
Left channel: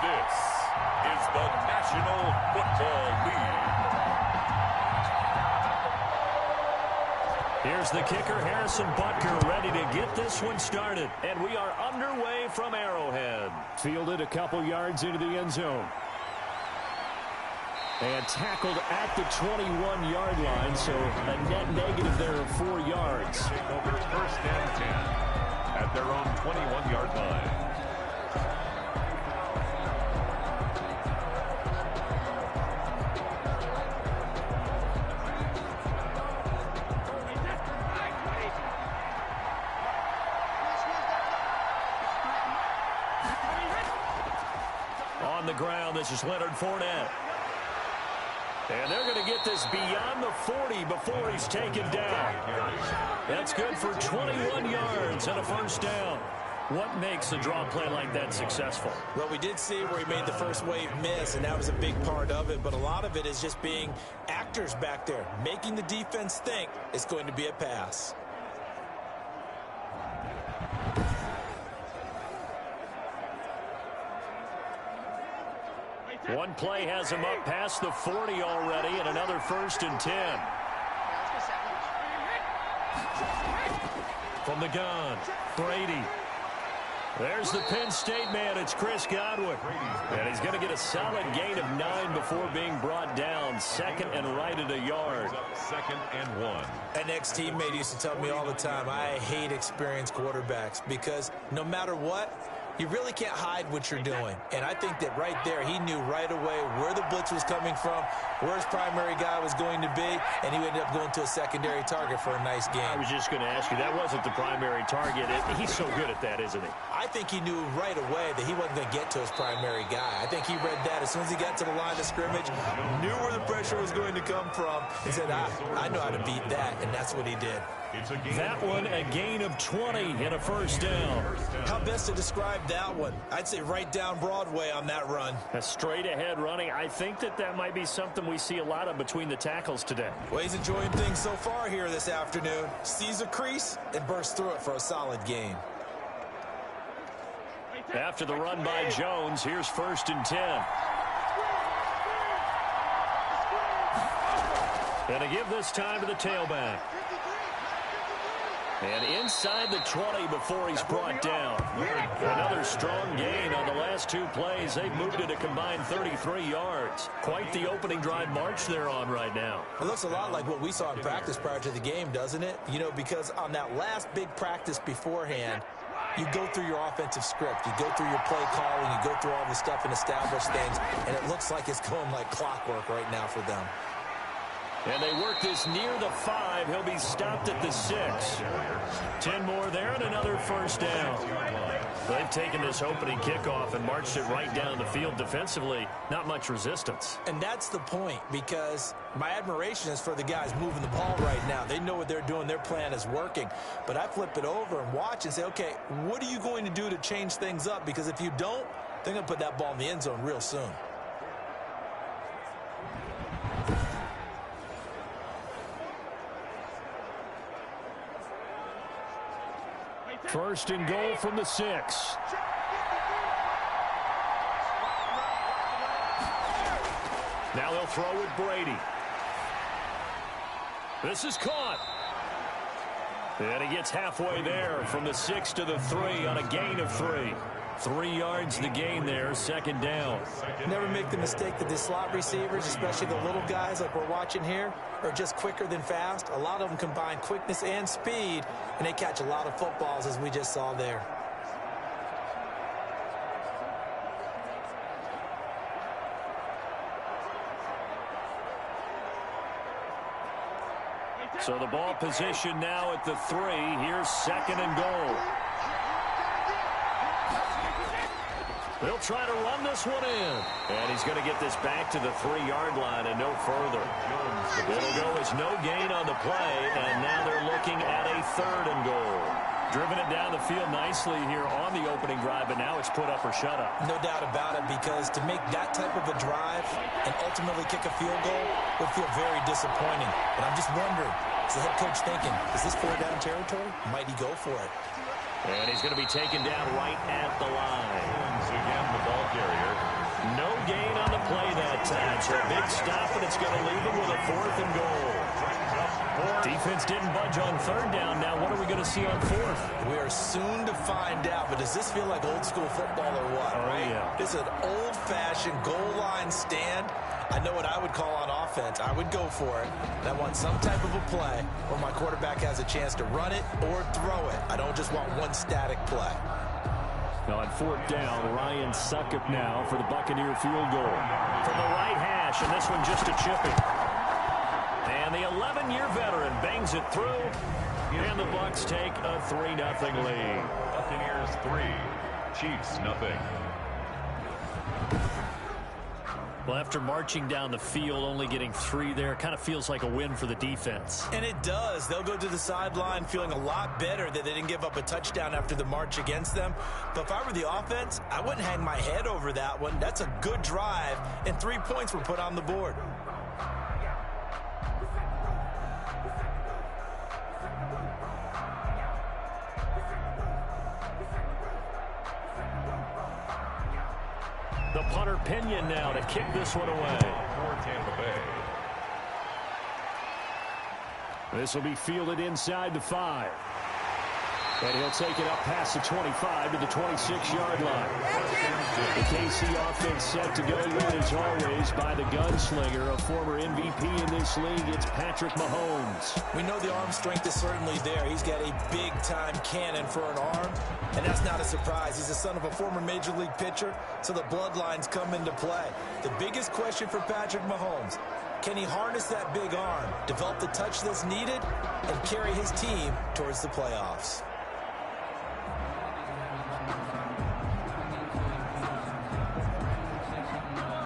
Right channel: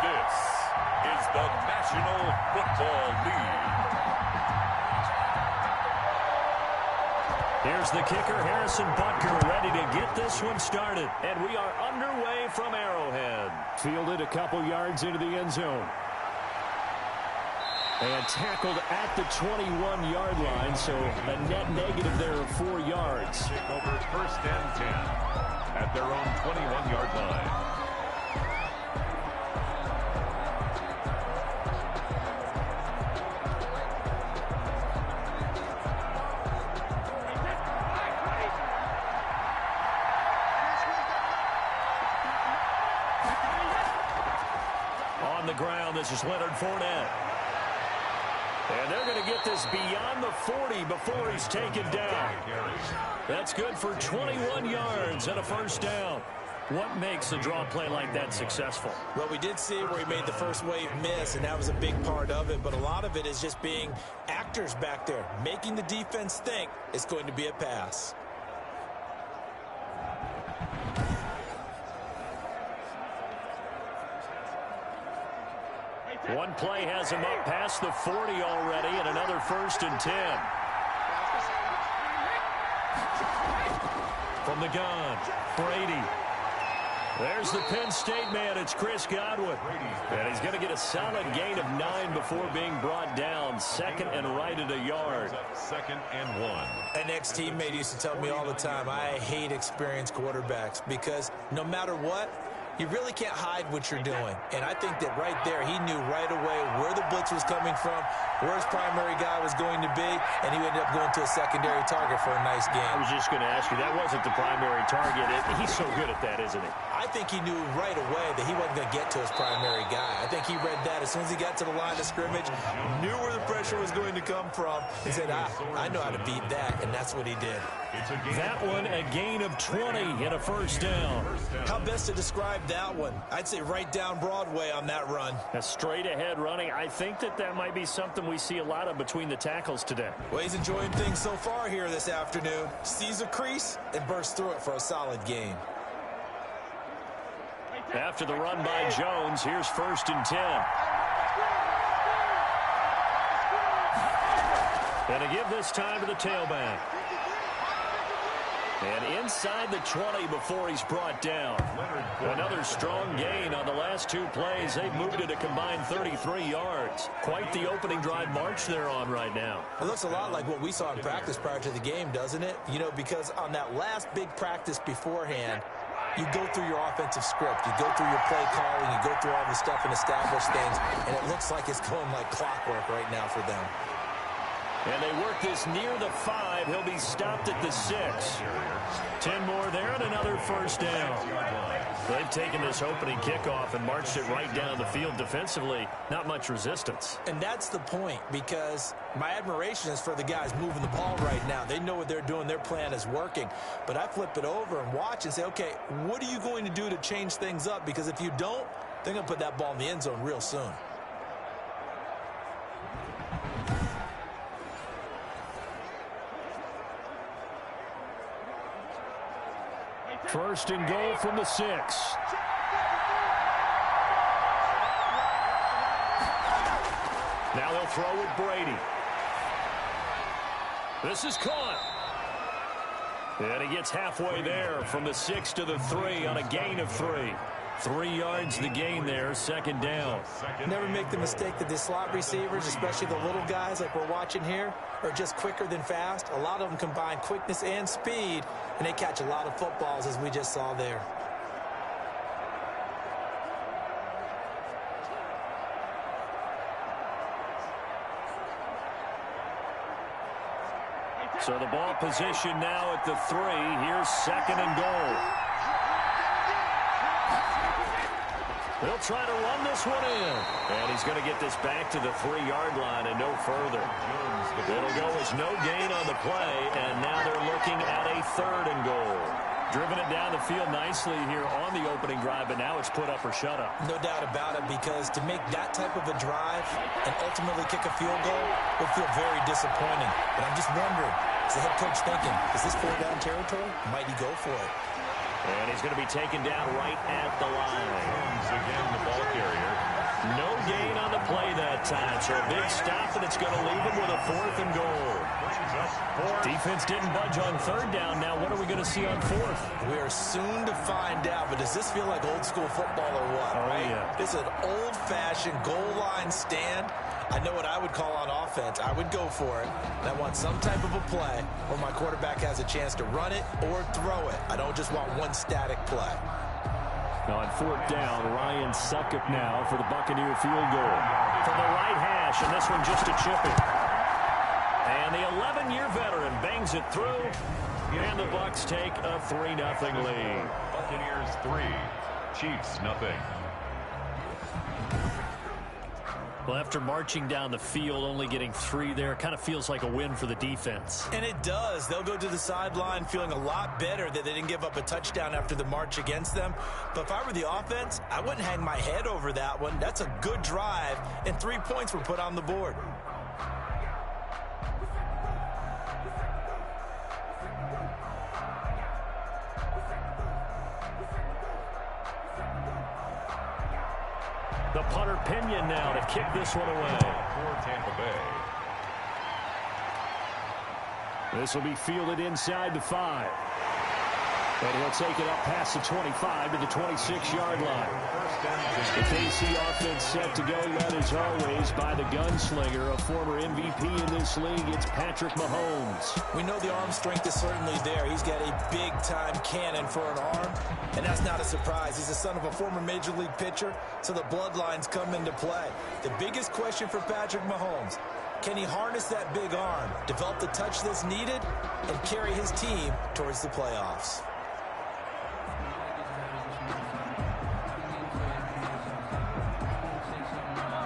this is the National Football League. Here's the kicker, Harrison Butker, ready to get this one started. And we are underway from Arrowhead. Fielded a couple yards into the end zone. And tackled at the 21-yard line, so a net negative there of 4 yards. Take over 1st and 10 at their own 21-yard line. On the ground, this is Leonard Fournette. And they're going to get this beyond the 40 before he's taken down. That's good for 21 yards and a first down. What makes a draw play like that successful? Well, we did see where he made the first wave miss, and that was a big part of it. But a lot of it is just being actors back there, making the defense think it's going to be a pass. One play has him up past the 40 already, and another 1st and 10. From the gun, Brady. There's the Penn State man. It's Chris Godwin. And he's going to get a solid gain of 9 before being brought down. 2nd and right at a yard. 2nd and 1. An ex-teammate used to tell me all the time, I hate experienced quarterbacks because no matter what, you really can't hide what you're doing. And I think that right there, he knew right away where the blitz was coming from, where his primary guy was going to be, and he ended up going to a secondary target for a nice game. I was just going to ask you, that wasn't the primary target. He's so good at that, isn't he? I think he knew right away that he wasn't going to get to his primary guy. I think he read that as soon as he got to the line of scrimmage, knew where the pressure was going to come from, and said, I know how to beat that, and that's what he did. That one, a gain of 20 and a 1st down. How best to describe that one? I'd say right down Broadway on that run. A straight ahead running. I think that might be something we see a lot of between the tackles today. Well, he's enjoying things so far here this afternoon. Sees a crease and bursts through it for a solid gain. After the run by Jones, here's 1st and 10. And to give this time to the tailback. And inside the 20 before he's brought down. Another strong gain on the last 2 plays. They've moved it a combined 33 yards. Quite the opening drive march they're on right now. It looks a lot like what we saw in practice prior to the game, doesn't it? You know, because on that last big practice beforehand, you go through your offensive script. You go through your play calling. You go through all the stuff and establish things. And it looks like it's going like clockwork right now for them. And they work this near the 5. He'll be stopped at the 6. 10 more there and another 1st down. They've taken this opening kickoff and marched it right down the field defensively. Not much resistance. And that's the point, because my admiration is for the guys moving the ball right now. They know what they're doing. Their plan is working. But I flip it over and watch and say, okay, what are you going to do to change things up? Because if you don't, they're going to put that ball in the end zone real soon. First and goal from the 6. Now they'll throw with Brady. This is caught. And he gets halfway there from the 6 to the 3 on a gain of 3. 3 yards the gain there, 2nd down. Never make the mistake that the slot receivers, especially the little guys like we're watching here, are just quicker than fast. A lot of them combine quickness and speed, and they catch a lot of footballs, as we just saw there. So the ball position now at the 3. Here's 2nd and goal. They'll try to run this one in. And he's going to get this back to the 3-yard line and no further. It'll go as no gain on the play, and now they're looking at a 3rd and goal. Driven it down the field nicely here on the opening drive, but now it's put up or shut up. No doubt about it, because to make that type of a drive and ultimately kick a field goal would feel very disappointing. But I'm just wondering, is the head coach thinking, is this 4-down territory? Might he go for it? And he's going to be taken down right at the line. Once again, the ball carrier. No gain on the play that time, so a big stop, and it's going to leave him with a 4th and goal. Defense didn't budge on 3rd down. Now what are we going to see on 4th? We are soon to find out, but does this feel like old school football or what, right? Yeah. This is an old-fashioned goal line stand. I know what I would call on offense. I would go for it. And I want some type of a play where my quarterback has a chance to run it or throw it. I don't just want one static play. On 4th down, Ryan Suckup now for the Buccaneer field goal. From the right hash, and this one just a chipping. And the 11-year veteran bangs it through, and the Bucs take a 3-0 lead. Buccaneers 3, Chiefs 0. Well, after marching down the field, only getting 3 there, kind of feels like a win for the defense. And it does. They'll go to the sideline feeling a lot better that they didn't give up a touchdown after the march against them. But if I were the offense, I wouldn't hang my head over that one. That's a good drive, and 3 points were put on the board. The punter Pinion now to kick this one away. For Tampa Bay. This will be fielded inside the 5. And he'll take it up past the 25 to the 26-yard line. The KC offense set to go, led as always by the gunslinger, a former MVP in this league. It's Patrick Mahomes. We know the arm strength is certainly there. He's got a big-time cannon for an arm, and that's not a surprise. He's the son of a former Major League pitcher, so the bloodlines come into play. The biggest question for Patrick Mahomes, can he harness that big arm, develop the touch that's needed, and carry his team towards the playoffs?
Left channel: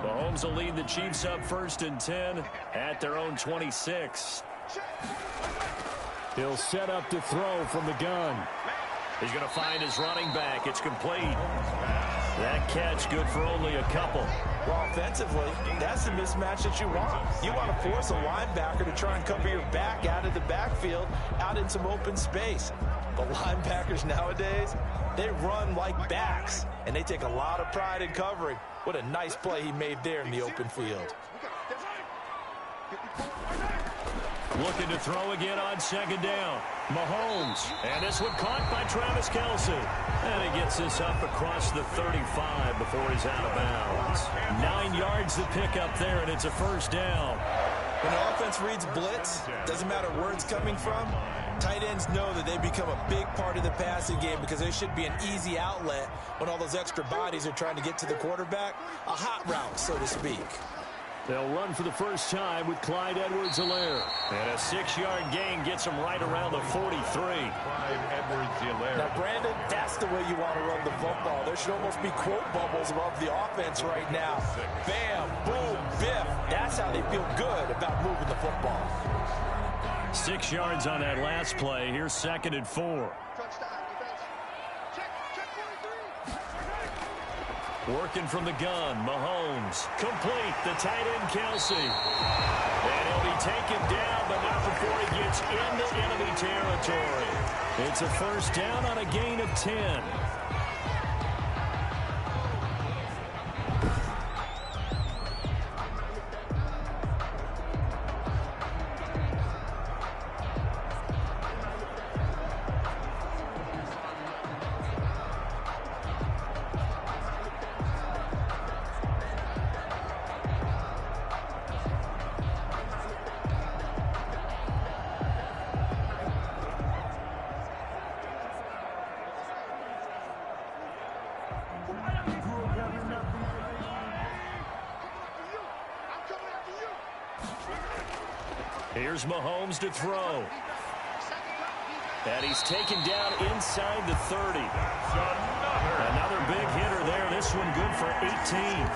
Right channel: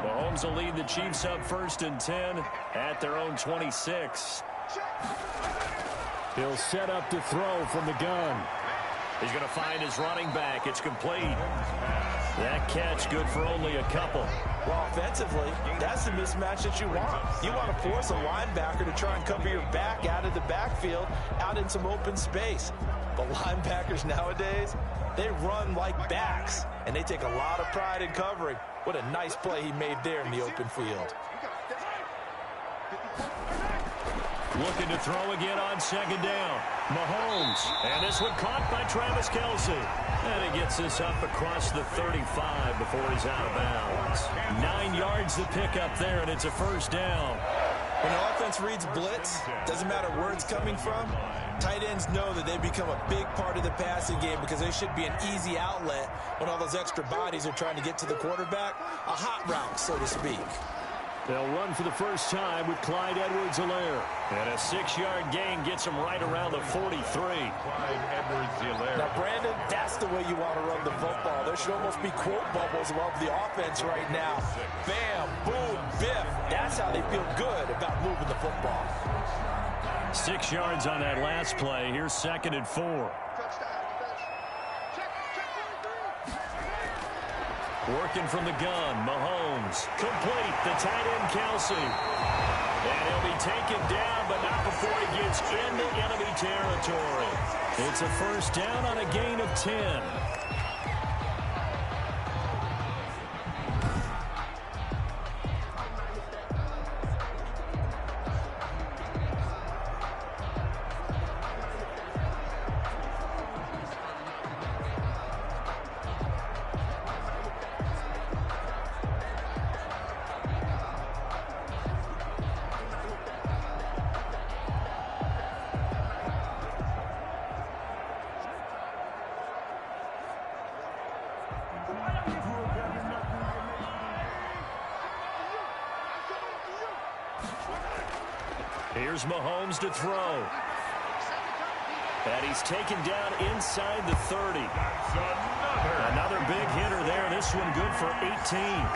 Mahomes will lead the Chiefs up 1st and 10 at their own 26. He'll set up to throw from the gun. He's going to find his running back. It's complete. That catch good for only a couple. Well, offensively, that's the mismatch that you want. You want to force a linebacker to try and cover your back out of the backfield, out in some open space. But linebackers nowadays, they run like backs, and they take a lot of pride in covering. What a nice play he made there in the open field. Looking to throw again on 2nd down. Mahomes. And this one caught by Travis Kelce. And he gets this up across the 35 before he's out of bounds. 9 yards to pick up there, and it's a 1st down. When the offense reads blitz, doesn't matter where it's coming from, tight ends know that they become a big part of the passing game because they should be an easy outlet when all those extra bodies are trying to get to the quarterback. A hot route, so to speak. They'll run for the first time with Clyde Edwards-Helaire. And a 6-yard gain gets him right around the 43. Clyde Edwards-Helaire. Now, Brandon, that's the way you want to run the football. There should almost be quote bubbles above the offense right now. Bam, boom, biff. That's how they feel good about moving the football. 6 yards on that last play. Here's 2nd and 4. Working from the gun, Mahomes. Complete, the tight end, Kelce. And he'll be taken down, but not before he gets into enemy territory. It's a 1st down on a gain of 10. Here's Mahomes to throw. And he's taken down inside the 30. Another big hitter there. This one good for 18.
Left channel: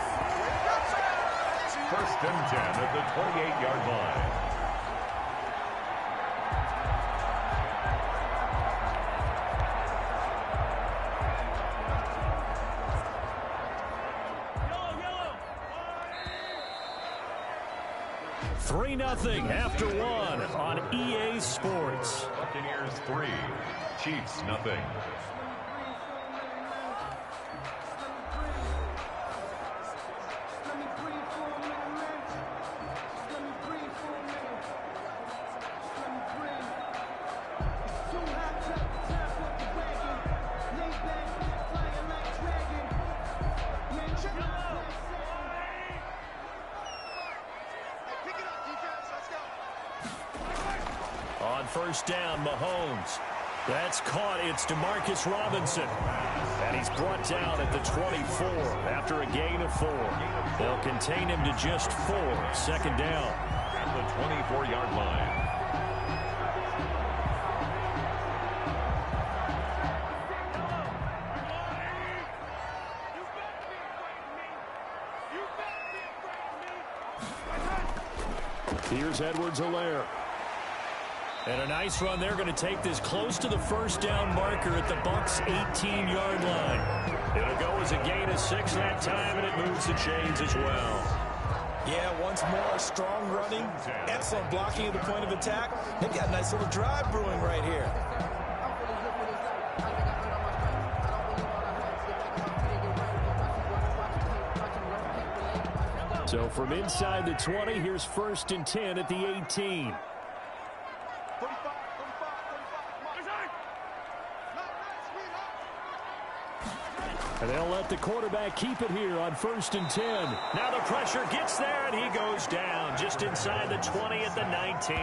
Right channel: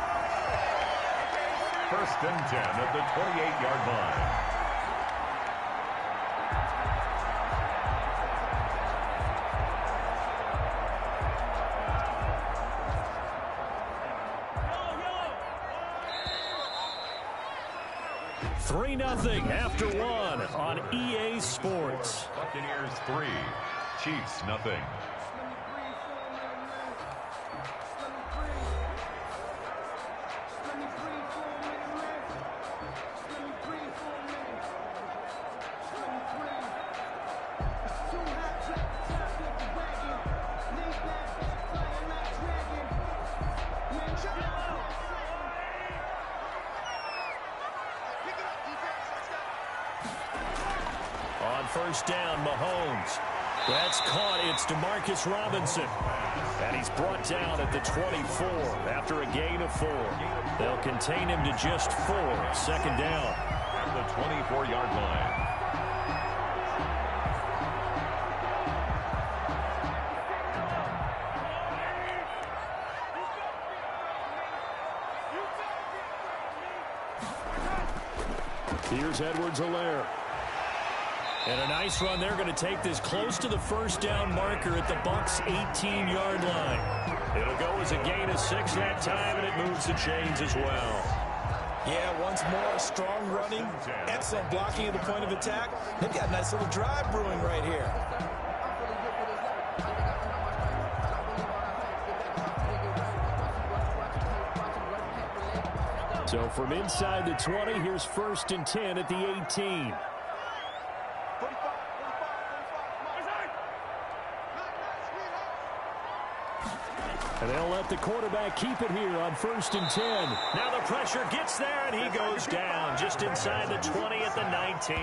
1st and 10 at the 28-yard line. Nothing after 1 on EA Sports. Buccaneers 3, Chiefs nothing. On 1st down, Mahomes. That's caught. It's Demarcus Robinson. And he's brought down at the 24 after a gain of 4. They'll contain him to just 4. 2nd down. At the 24-yard line. Here's Edwards-Helaire. And a nice run. They're going to take this close to the first down marker at the Bucs' 18-yard line. It'll go as a gain of 6 that time, and it moves the chains as well. Yeah, once more, strong running, excellent blocking at the point of attack. They've got a nice little drive brewing right here. So from inside the 20, here's 1st and 10 at the 18. And they'll let the quarterback keep it here on 1st and 10. Now the pressure gets there, and he goes down just inside the 20 at the 19.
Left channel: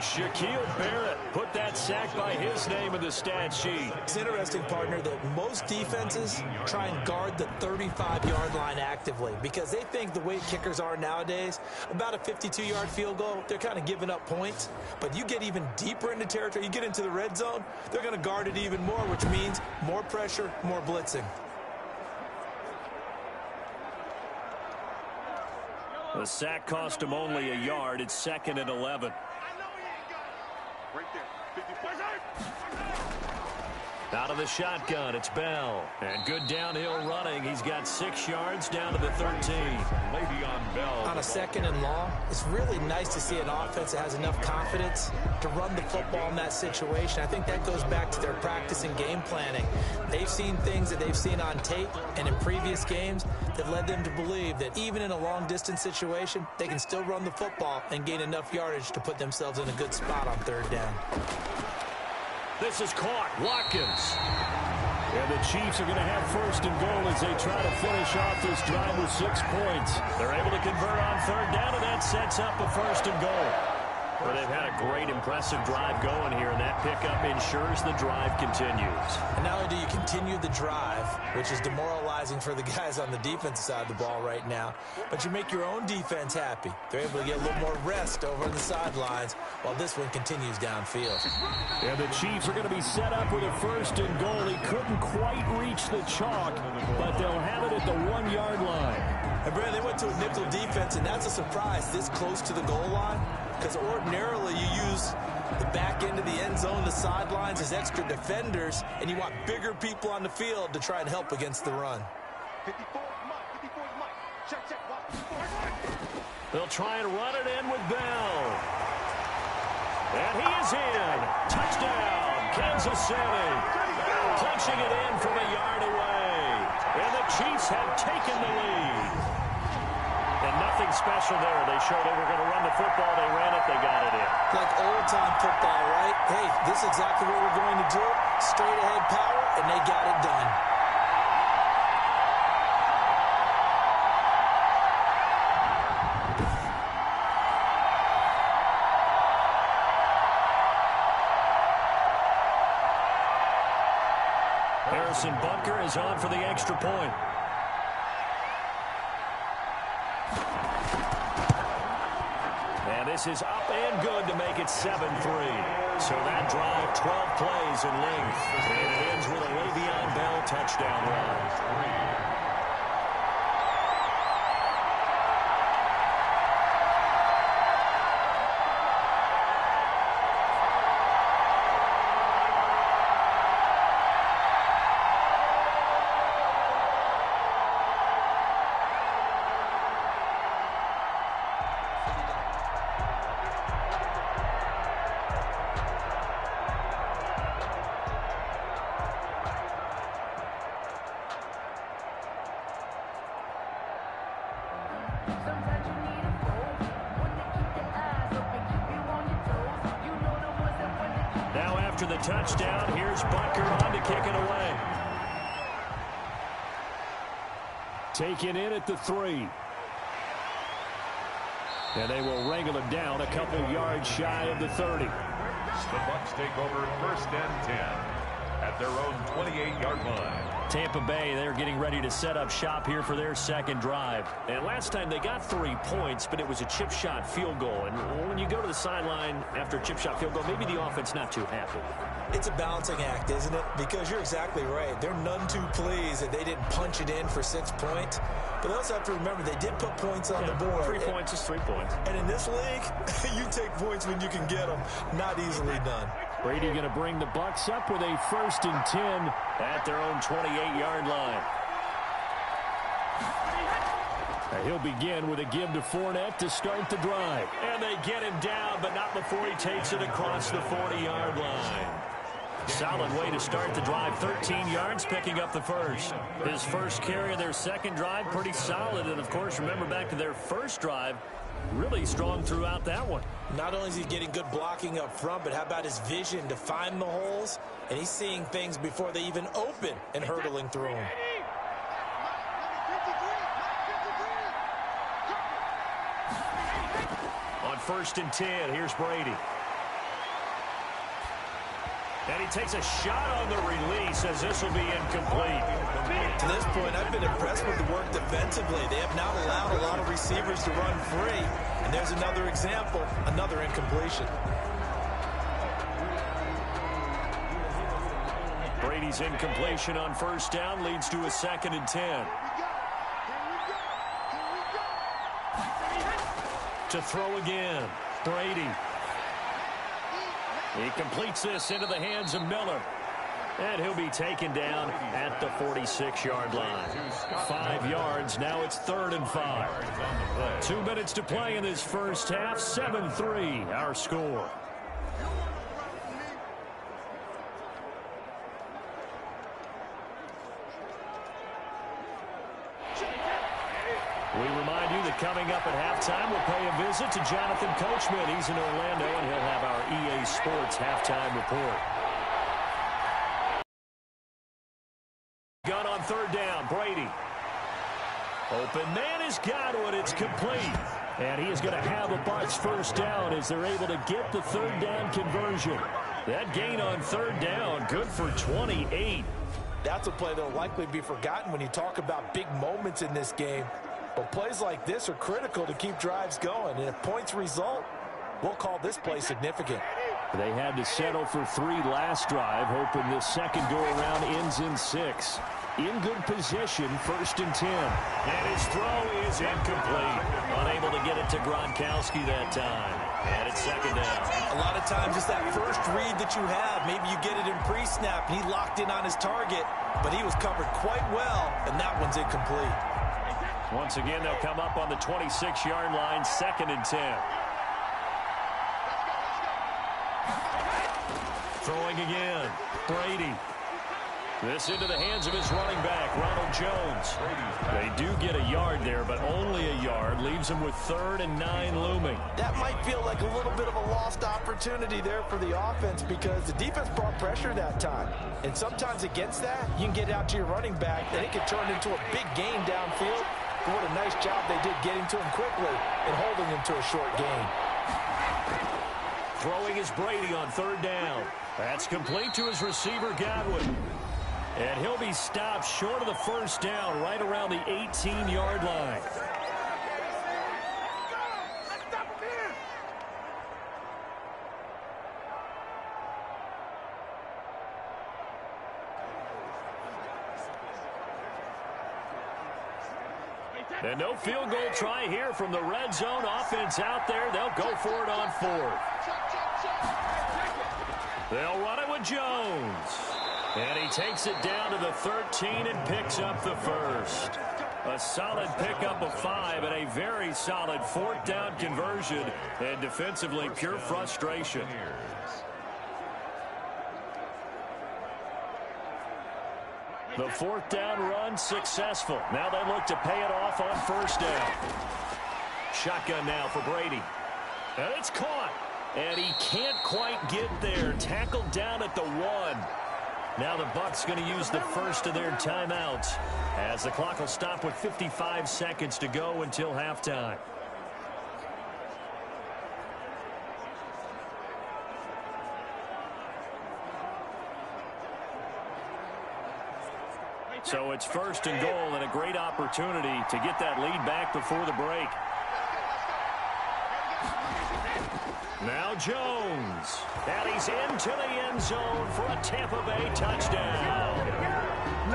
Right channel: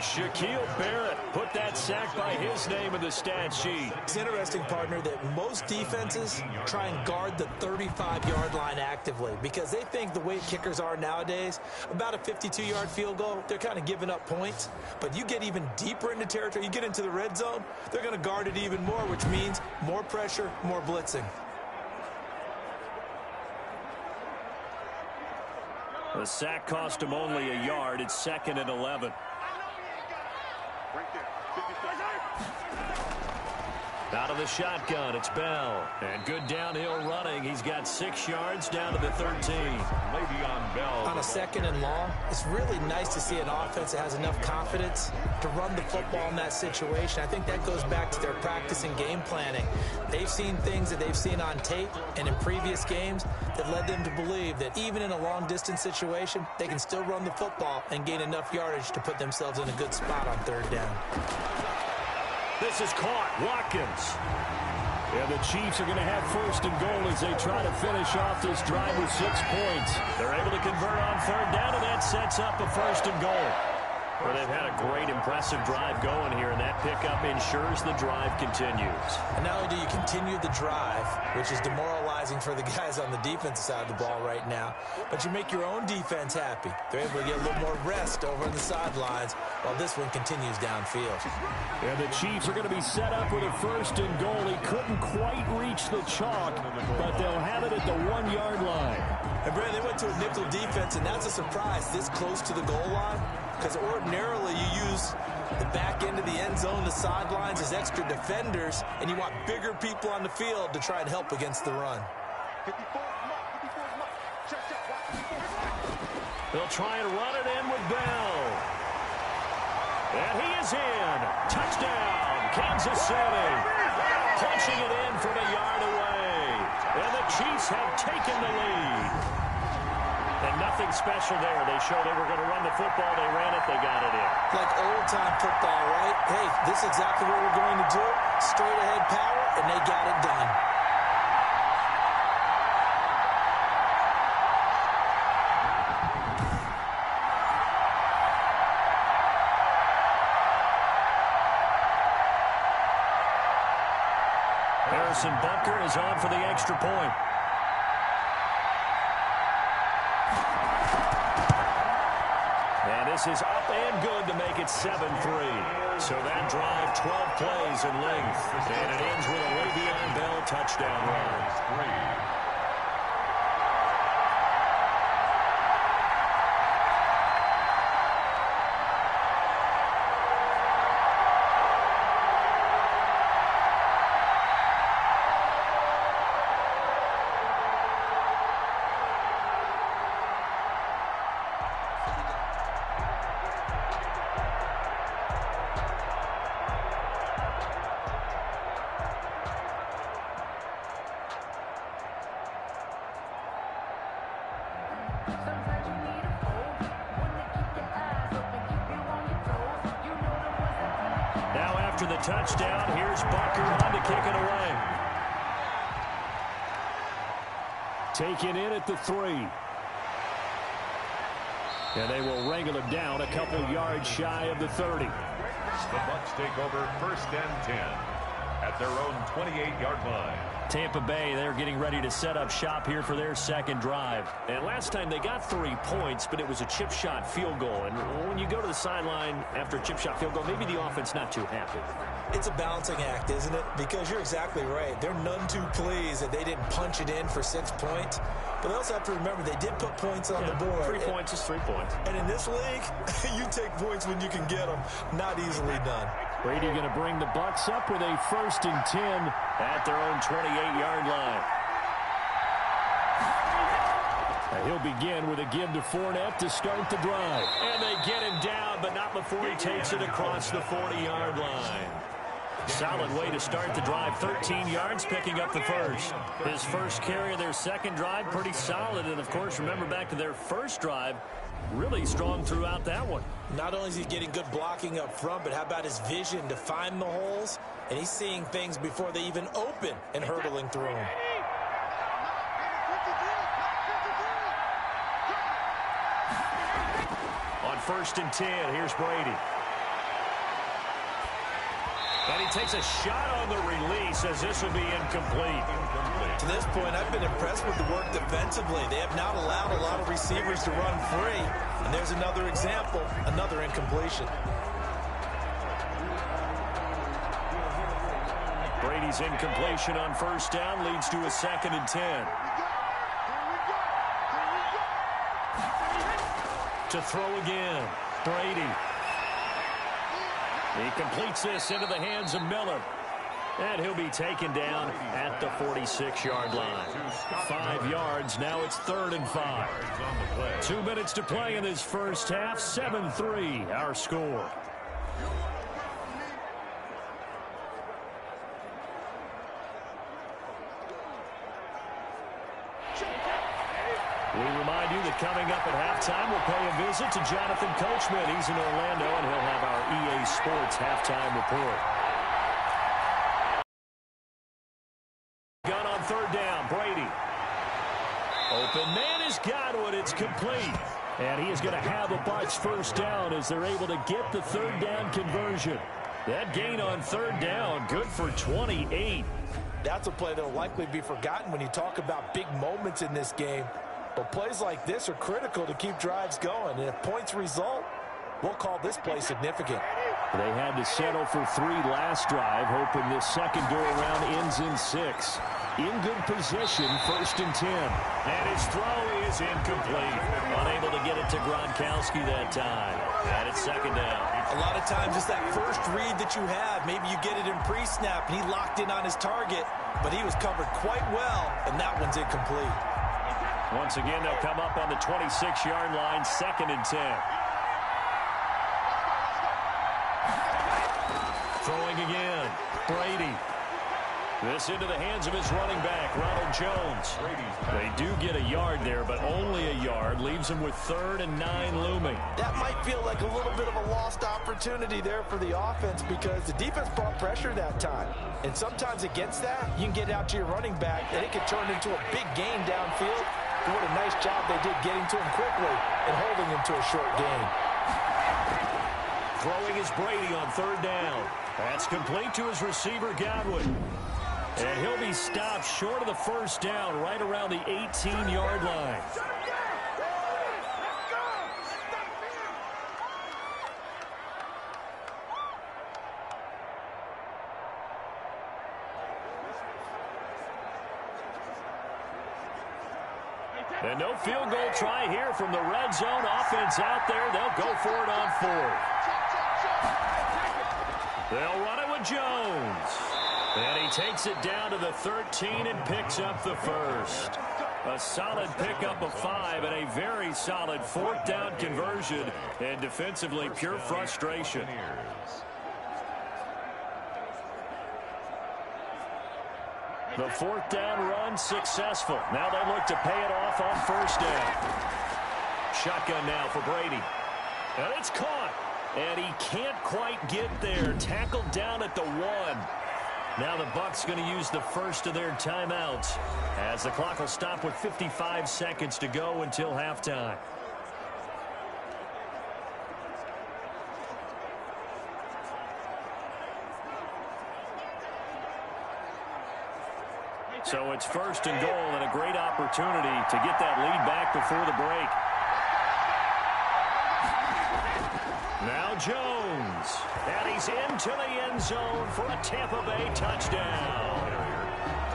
Shaquille Barrett put that sack by his name in the stat sheet. It's interesting, partner, that most defenses try and guard the 35-yard line actively because they think the way kickers are nowadays, about a 52-yard field goal, they're kind of giving up points. But you get even deeper into territory, you get into the red zone, they're going to guard it even more, which means more pressure, more blitzing. The sack cost him only a yard. It's 2nd and 11. Right there. 54. Out of the shotgun, it's Bell. And good downhill running. He's got 6 yards down to the 13. Le'Veon Bell. On a 2nd and long, it's really nice to see an offense that has enough confidence to run the football in that situation. I think that goes back to their practice and game planning. They've seen things that they've seen on tape and in previous games that led them to believe that even in a long-distance situation, they can still run the football and gain enough yardage to put themselves in a good spot on 3rd down. This is caught. Watkins. And the Chiefs are going to have 1st and goal as they try to finish off this drive with 6 points. They're able to convert on 3rd down, and that sets up a 1st and goal. Well, they've had a great, impressive drive going here, and that pickup ensures the drive continues. And not only do you continue the drive, which is demoralizing for the guys on the defensive side of the ball right now, but you make your own defense happy. They're able to get a little more rest over on the sidelines while this one continues downfield. And the Chiefs are going to be set up with a 1st and goal. He couldn't quite reach the chalk, but they'll have it at the 1-yard line. And, Brad, they went to a nickel defense, and that's a surprise this close to the goal line. Because ordinarily you use the back end of the end zone, the sidelines as extra defenders, and you want bigger people on the field to try and help against the run. 54 is Mike. Check. They'll try and run it in with Bell. And he is in. Touchdown, Kansas City. Punching it in from a yard away. And the Chiefs have taken the lead. And nothing special there. They showed they were going to run the football. They ran it. They got it in. Like old-time football, right? Hey, this is exactly what we're going to do. Straight-ahead power, and they got it done. Harrison Butker is on for the extra point. And this is up and good to make it 7-3. So that drive, 12 plays in length. And it ends with a Le'Veon Bell touchdown run. Now after the touchdown, here's Butker on to kick it away. Taken in at the 3. And they will wrangle him down a couple yards shy of the 30. The Bucs take over 1st and 10 at their own 28-yard line. Tampa Bay, they're getting ready to set up shop here for their 2nd drive. And last time they got 3 points, but it was a chip shot field goal. And when you go to the sideline after a chip shot field goal, maybe the offense not too happy. It's a balancing act, isn't it? Because you're exactly right. They're none too pleased that they didn't punch it in for 6 points. But they also have to remember they did put points on the board. 3 points is 3 points. And in this league, you take points when you can get them. Not easily done. Brady going to bring the Bucs up with a 1st and 10 at their own 28-yard line. He'll begin with a give to Fournette to start the drive. And they get him down, but not before he takes it across the 40-yard line. Solid way to start the drive. 13 yards, picking up the first. His first carry of their second drive, pretty solid. And, of course, remember back to their first drive, really strong throughout that one. Not only is he getting good blocking up front, but how about his vision to find the holes? And he's seeing things before they even open and hurtling through them. On 1st and 10, here's Brady. And he takes a shot on the release as this will be incomplete. To this point, I've been impressed with the work defensively. They have not allowed a lot of receivers to run free. And there's another example, another incompletion. Brady's incompletion on 1st down leads to a 2nd and 10. To throw again, Brady. He completes this into the hands of Miller. And he'll be taken down at the 46-yard line. 5 yards, now it's 3rd and 5. 2 minutes to play in this first half, 7-3 our score. We remind you that coming up at halftime, we'll pay a visit to Jonathan Coachman. He's in Orlando, and he'll have our EA Sports halftime report. Gun on 3rd down, Brady. Open man is Godwin. It's complete. And he is going to have a Bucs 1st down as they're able to get the 3rd down conversion. That gain on 3rd down, good for 28. That's a play that will likely be forgotten when you talk about big moments in this game. But plays like this are critical to keep drives going. And if points result, we'll call this play significant. They had to settle for 3 last drive, hoping this second go-around ends in 6. In good position, 1st and 10. And his throw is incomplete. Unable to get it to Gronkowski that time. And it's 2nd down. A lot of times it's that first read that you have. Maybe you get it in pre-snap, and he locked in on his target. But he was covered quite well, and that one's incomplete. Once again, they'll come up on the 26-yard line, 2nd and 10. Throwing again, Brady. This into the hands of his running back, Ronald Jones. They do get a yard there, but only a yard. Leaves them with 3rd and 9 looming. That might feel like a little bit of a lost opportunity there for the offense because the defense brought pressure that time. And sometimes against that, you can get out to your running back, and it can turn into a big gain downfield. But what a nice job they did getting to him quickly and holding him to a short gain. Throwing is Brady on 3rd down. That's complete to his receiver, Godwin. And he'll be stopped short of the 1st down, right around the 18-yard line. And no field goal try here from the red zone. Offense out there. They'll go for it on 4th. They'll run it with Jones. And he takes it down to the 13 and picks up the 1st. A solid pickup of 5 and a very solid 4th down conversion. And defensively, pure frustration. The 4th down run successful. Now they look to pay it off on 1st down. Shotgun now for Brady. And it's caught. And he can't quite get there. Tackled down at the 1. Now the Bucs going to use the first of their timeouts as the clock will stop with 55 seconds to go until halftime. So it's 1st and goal and a great opportunity to get that lead back before the break. Now Ronald Jones. And he's into the end zone for a Tampa Bay touchdown.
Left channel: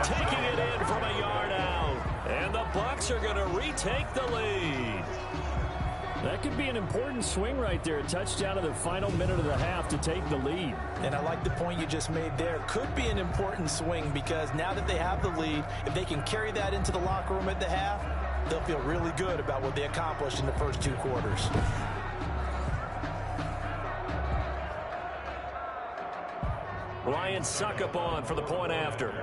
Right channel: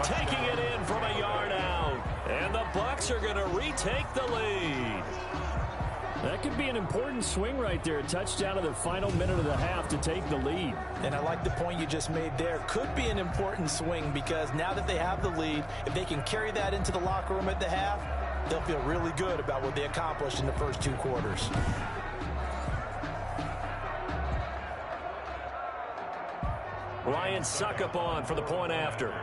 Taking it in from a yard out. And the Bucs are going to retake the lead. That could be an important swing right there. A touchdown in the final minute of the half to take the lead. And I like the point you just made there. Could be an important swing because now that they have the lead, if they can carry that into the locker room at the half, they'll feel really good about what they accomplished in the first 2 quarters. Ryan Suckup on for the point after.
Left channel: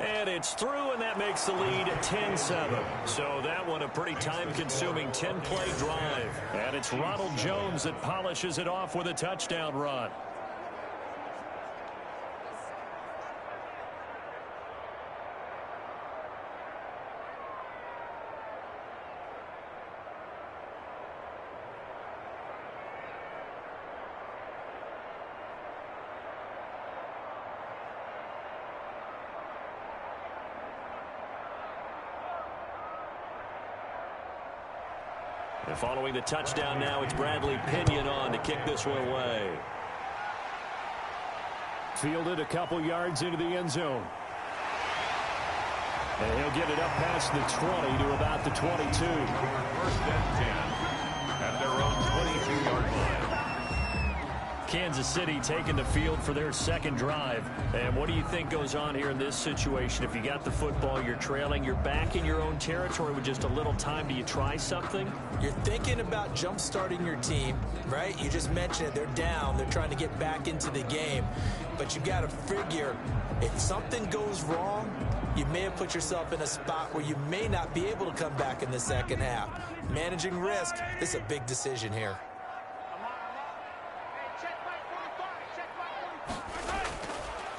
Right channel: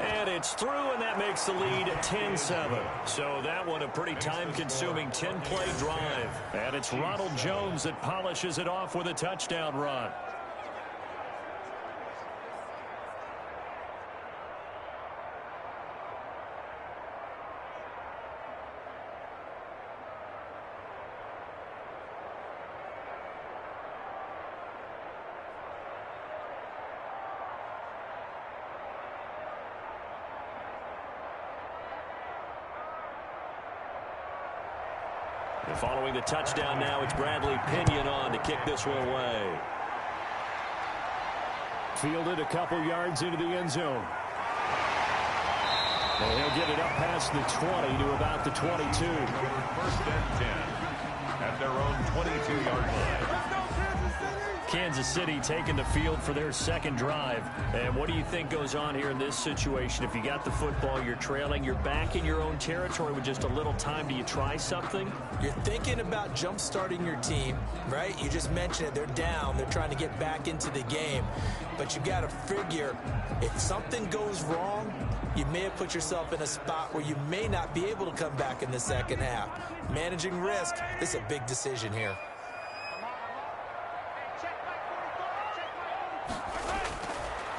And it's through, and that makes the lead 10-7. So that one a pretty time-consuming 10-play drive. And it's Ronald Jones that polishes it off with a touchdown run. And following the touchdown now, it's Bradley Pinion on to kick this one away. Fielded a couple yards into the end zone. And he'll get it up past the 20 to about the 22. First and 10 at their own 22-yard line. Kansas City taking the field for their second drive. And what do you think goes on here in this situation? If you got the football, you're trailing, you're back in your own territory with just a little time. Do you try something? You're thinking about jump-starting your team, right? You just mentioned it. They're down. They're trying to get back into the game. But you got to figure if something goes wrong, you may have put yourself in a spot where you may not be able to come back in the second half. Managing risk, this is a big decision here.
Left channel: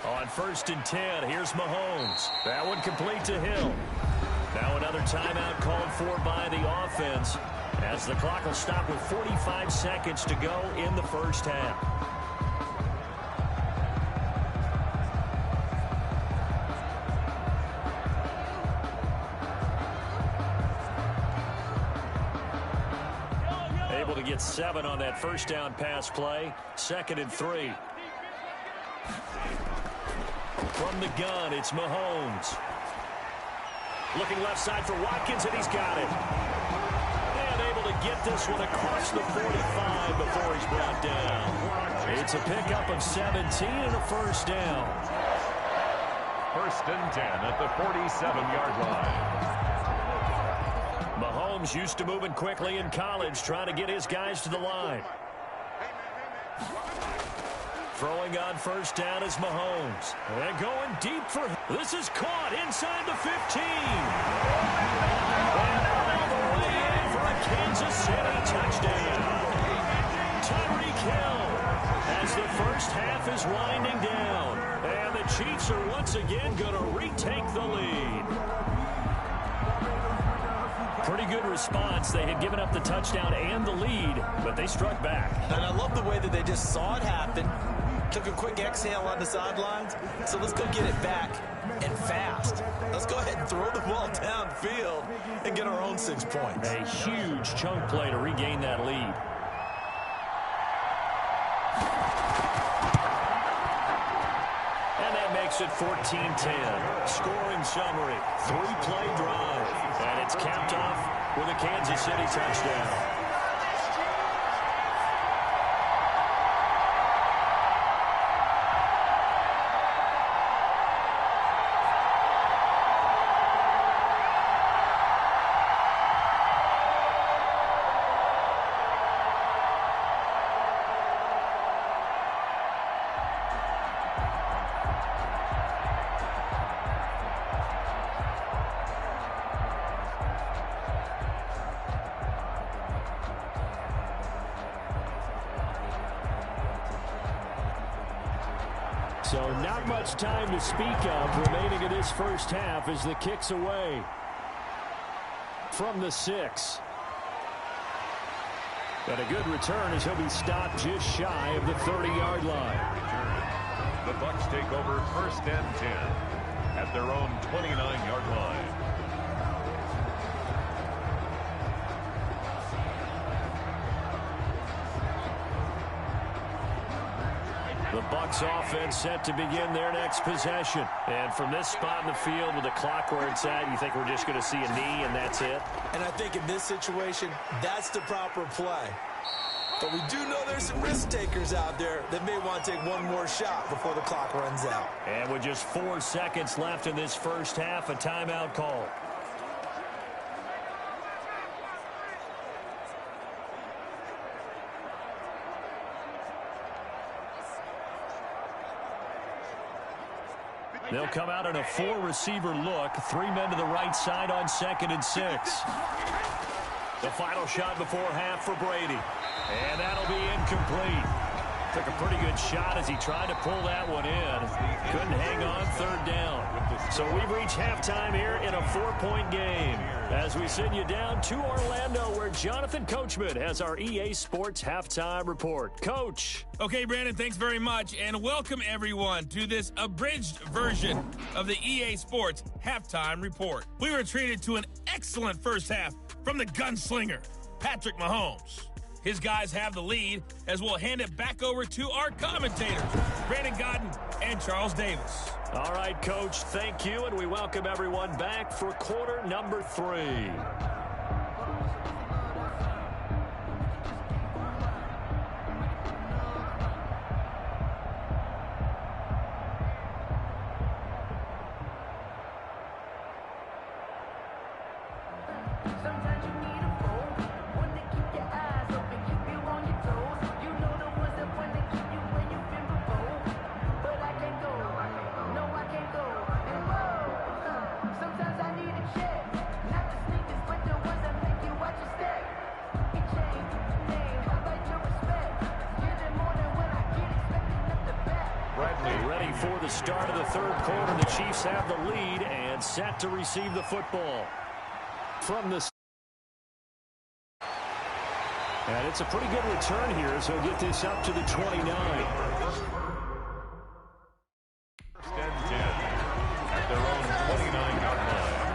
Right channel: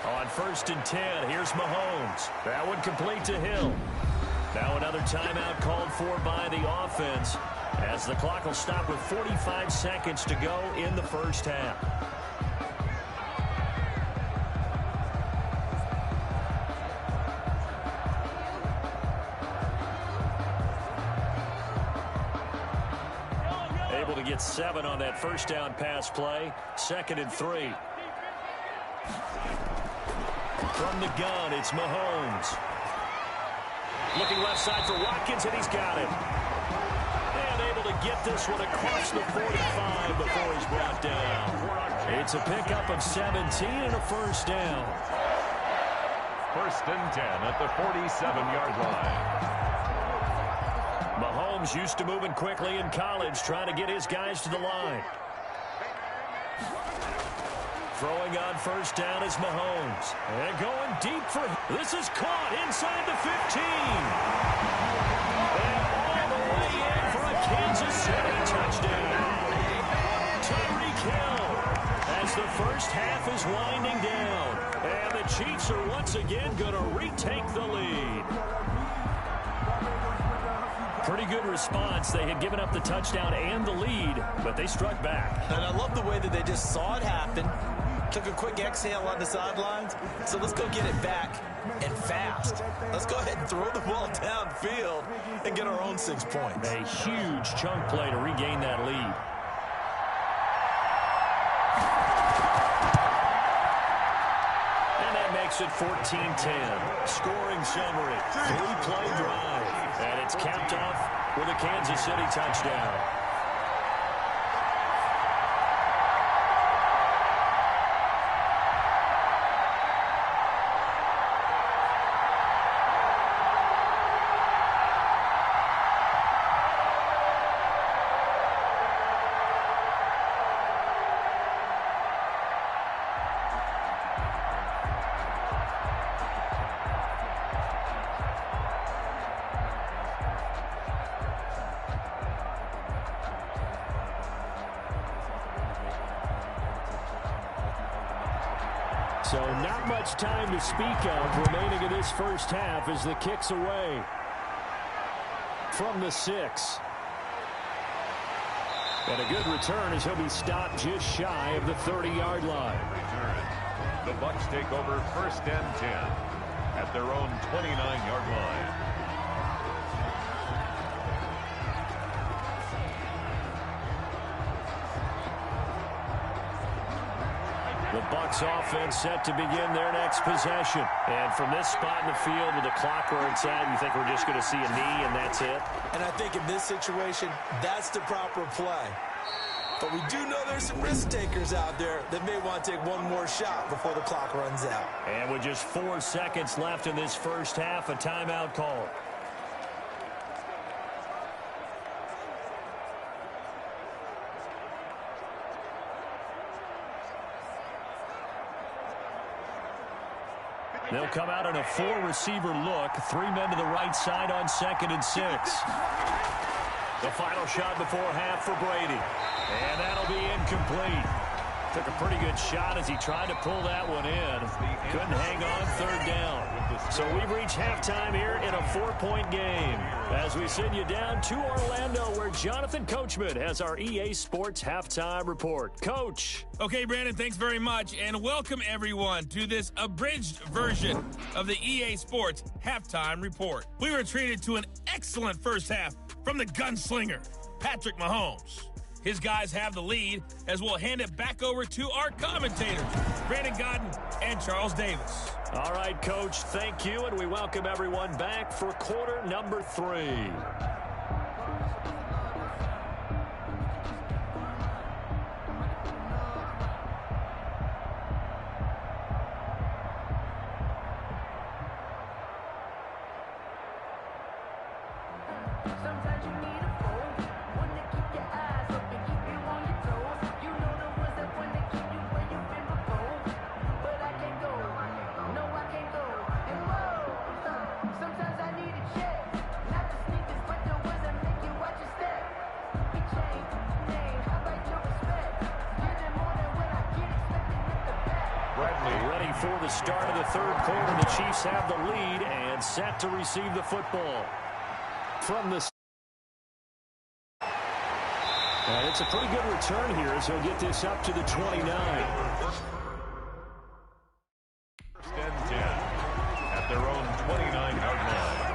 On 1st and 10, here's Mahomes. That one complete to Hill. Now another timeout called for by the offense as the clock will stop with 45 seconds to go in the first half. Able to get 7 on that first down pass play. 2nd and 3. From the gun, it's Mahomes. Looking left side for Watkins, and he's got it. And able to get this one across the 45 before he's brought down. It's a pickup of 17 and a first down. 1st and 10 at the 47-yard line. Mahomes used to moving quickly in college, trying to get his guys to the line. Throwing on first down is Mahomes. And going deep for... This is caught inside the 15. And all the way in for a Kansas City touchdown. Tyreek Hill as the first half is winding down. And the Chiefs are once again going to retake the lead. Pretty good response. They had given up the touchdown and the lead, but they struck back. And I love the way that they just saw it happen. Took a quick exhale on the sidelines. So let's go get it back and fast. Let's go ahead and throw the ball downfield and get our own 6 points. A huge chunk play to regain that lead. And that makes it 14-10. Scoring summary, 3-play drive. And it's capped off with a Kansas City touchdown. So not much time to speak of remaining in this first half as the kick's away from the 6. And a good return as he'll be stopped just shy of the 30-yard line. Return. The Bucs take over 1st and 10 at their own 29-yard line. The Bucs offense set to begin their next possession. And from this spot in the field with the clock where it's at, you think we're just going to see a knee and that's it? And I think in this situation, that's the proper play. But we do know there's some risk takers out there that may want to take one more shot before the clock runs out. And with just 4 seconds left in this first half, a timeout call. They'll come out in a 4-receiver look. 3 men to the right side on 2nd and 6. The final shot before half for Brady. And that'll be incomplete. Took a pretty good shot as he tried to pull that one in. Couldn't hang on 3rd down. So we've reached halftime here in a 4-point game. As we send you down to Orlando, where Jonathan Coachman has our EA Sports Halftime Report. Coach. Okay, Brandon, thanks very much. And welcome, everyone, to this abridged version of the EA Sports Halftime Report. We were treated to an excellent first half from the gunslinger, Patrick Mahomes. His guys have the lead as we'll hand it back over to our commentators, Brandon Godden and Charles Davis. All right, Coach, thank you, and we welcome everyone back for quarter number 3. Sometimes you need a foe, one to keep your eyes open, keep you on your toes. You know the ones that want to keep you where you've been before. But I can't go, no I can't go. And whoa, sometimes I need a check. Not the sneakers, but the ones that make you watch your step. It changed the name, how about your respect? Get it more than when I get expecting up the back. Bradley ready for the start of the 3rd quarter. The Chiefs have the lead and set to receive the football. From the and it's a pretty good return here as he'll get this up to the 29. First and 10 at their own 29-yard line.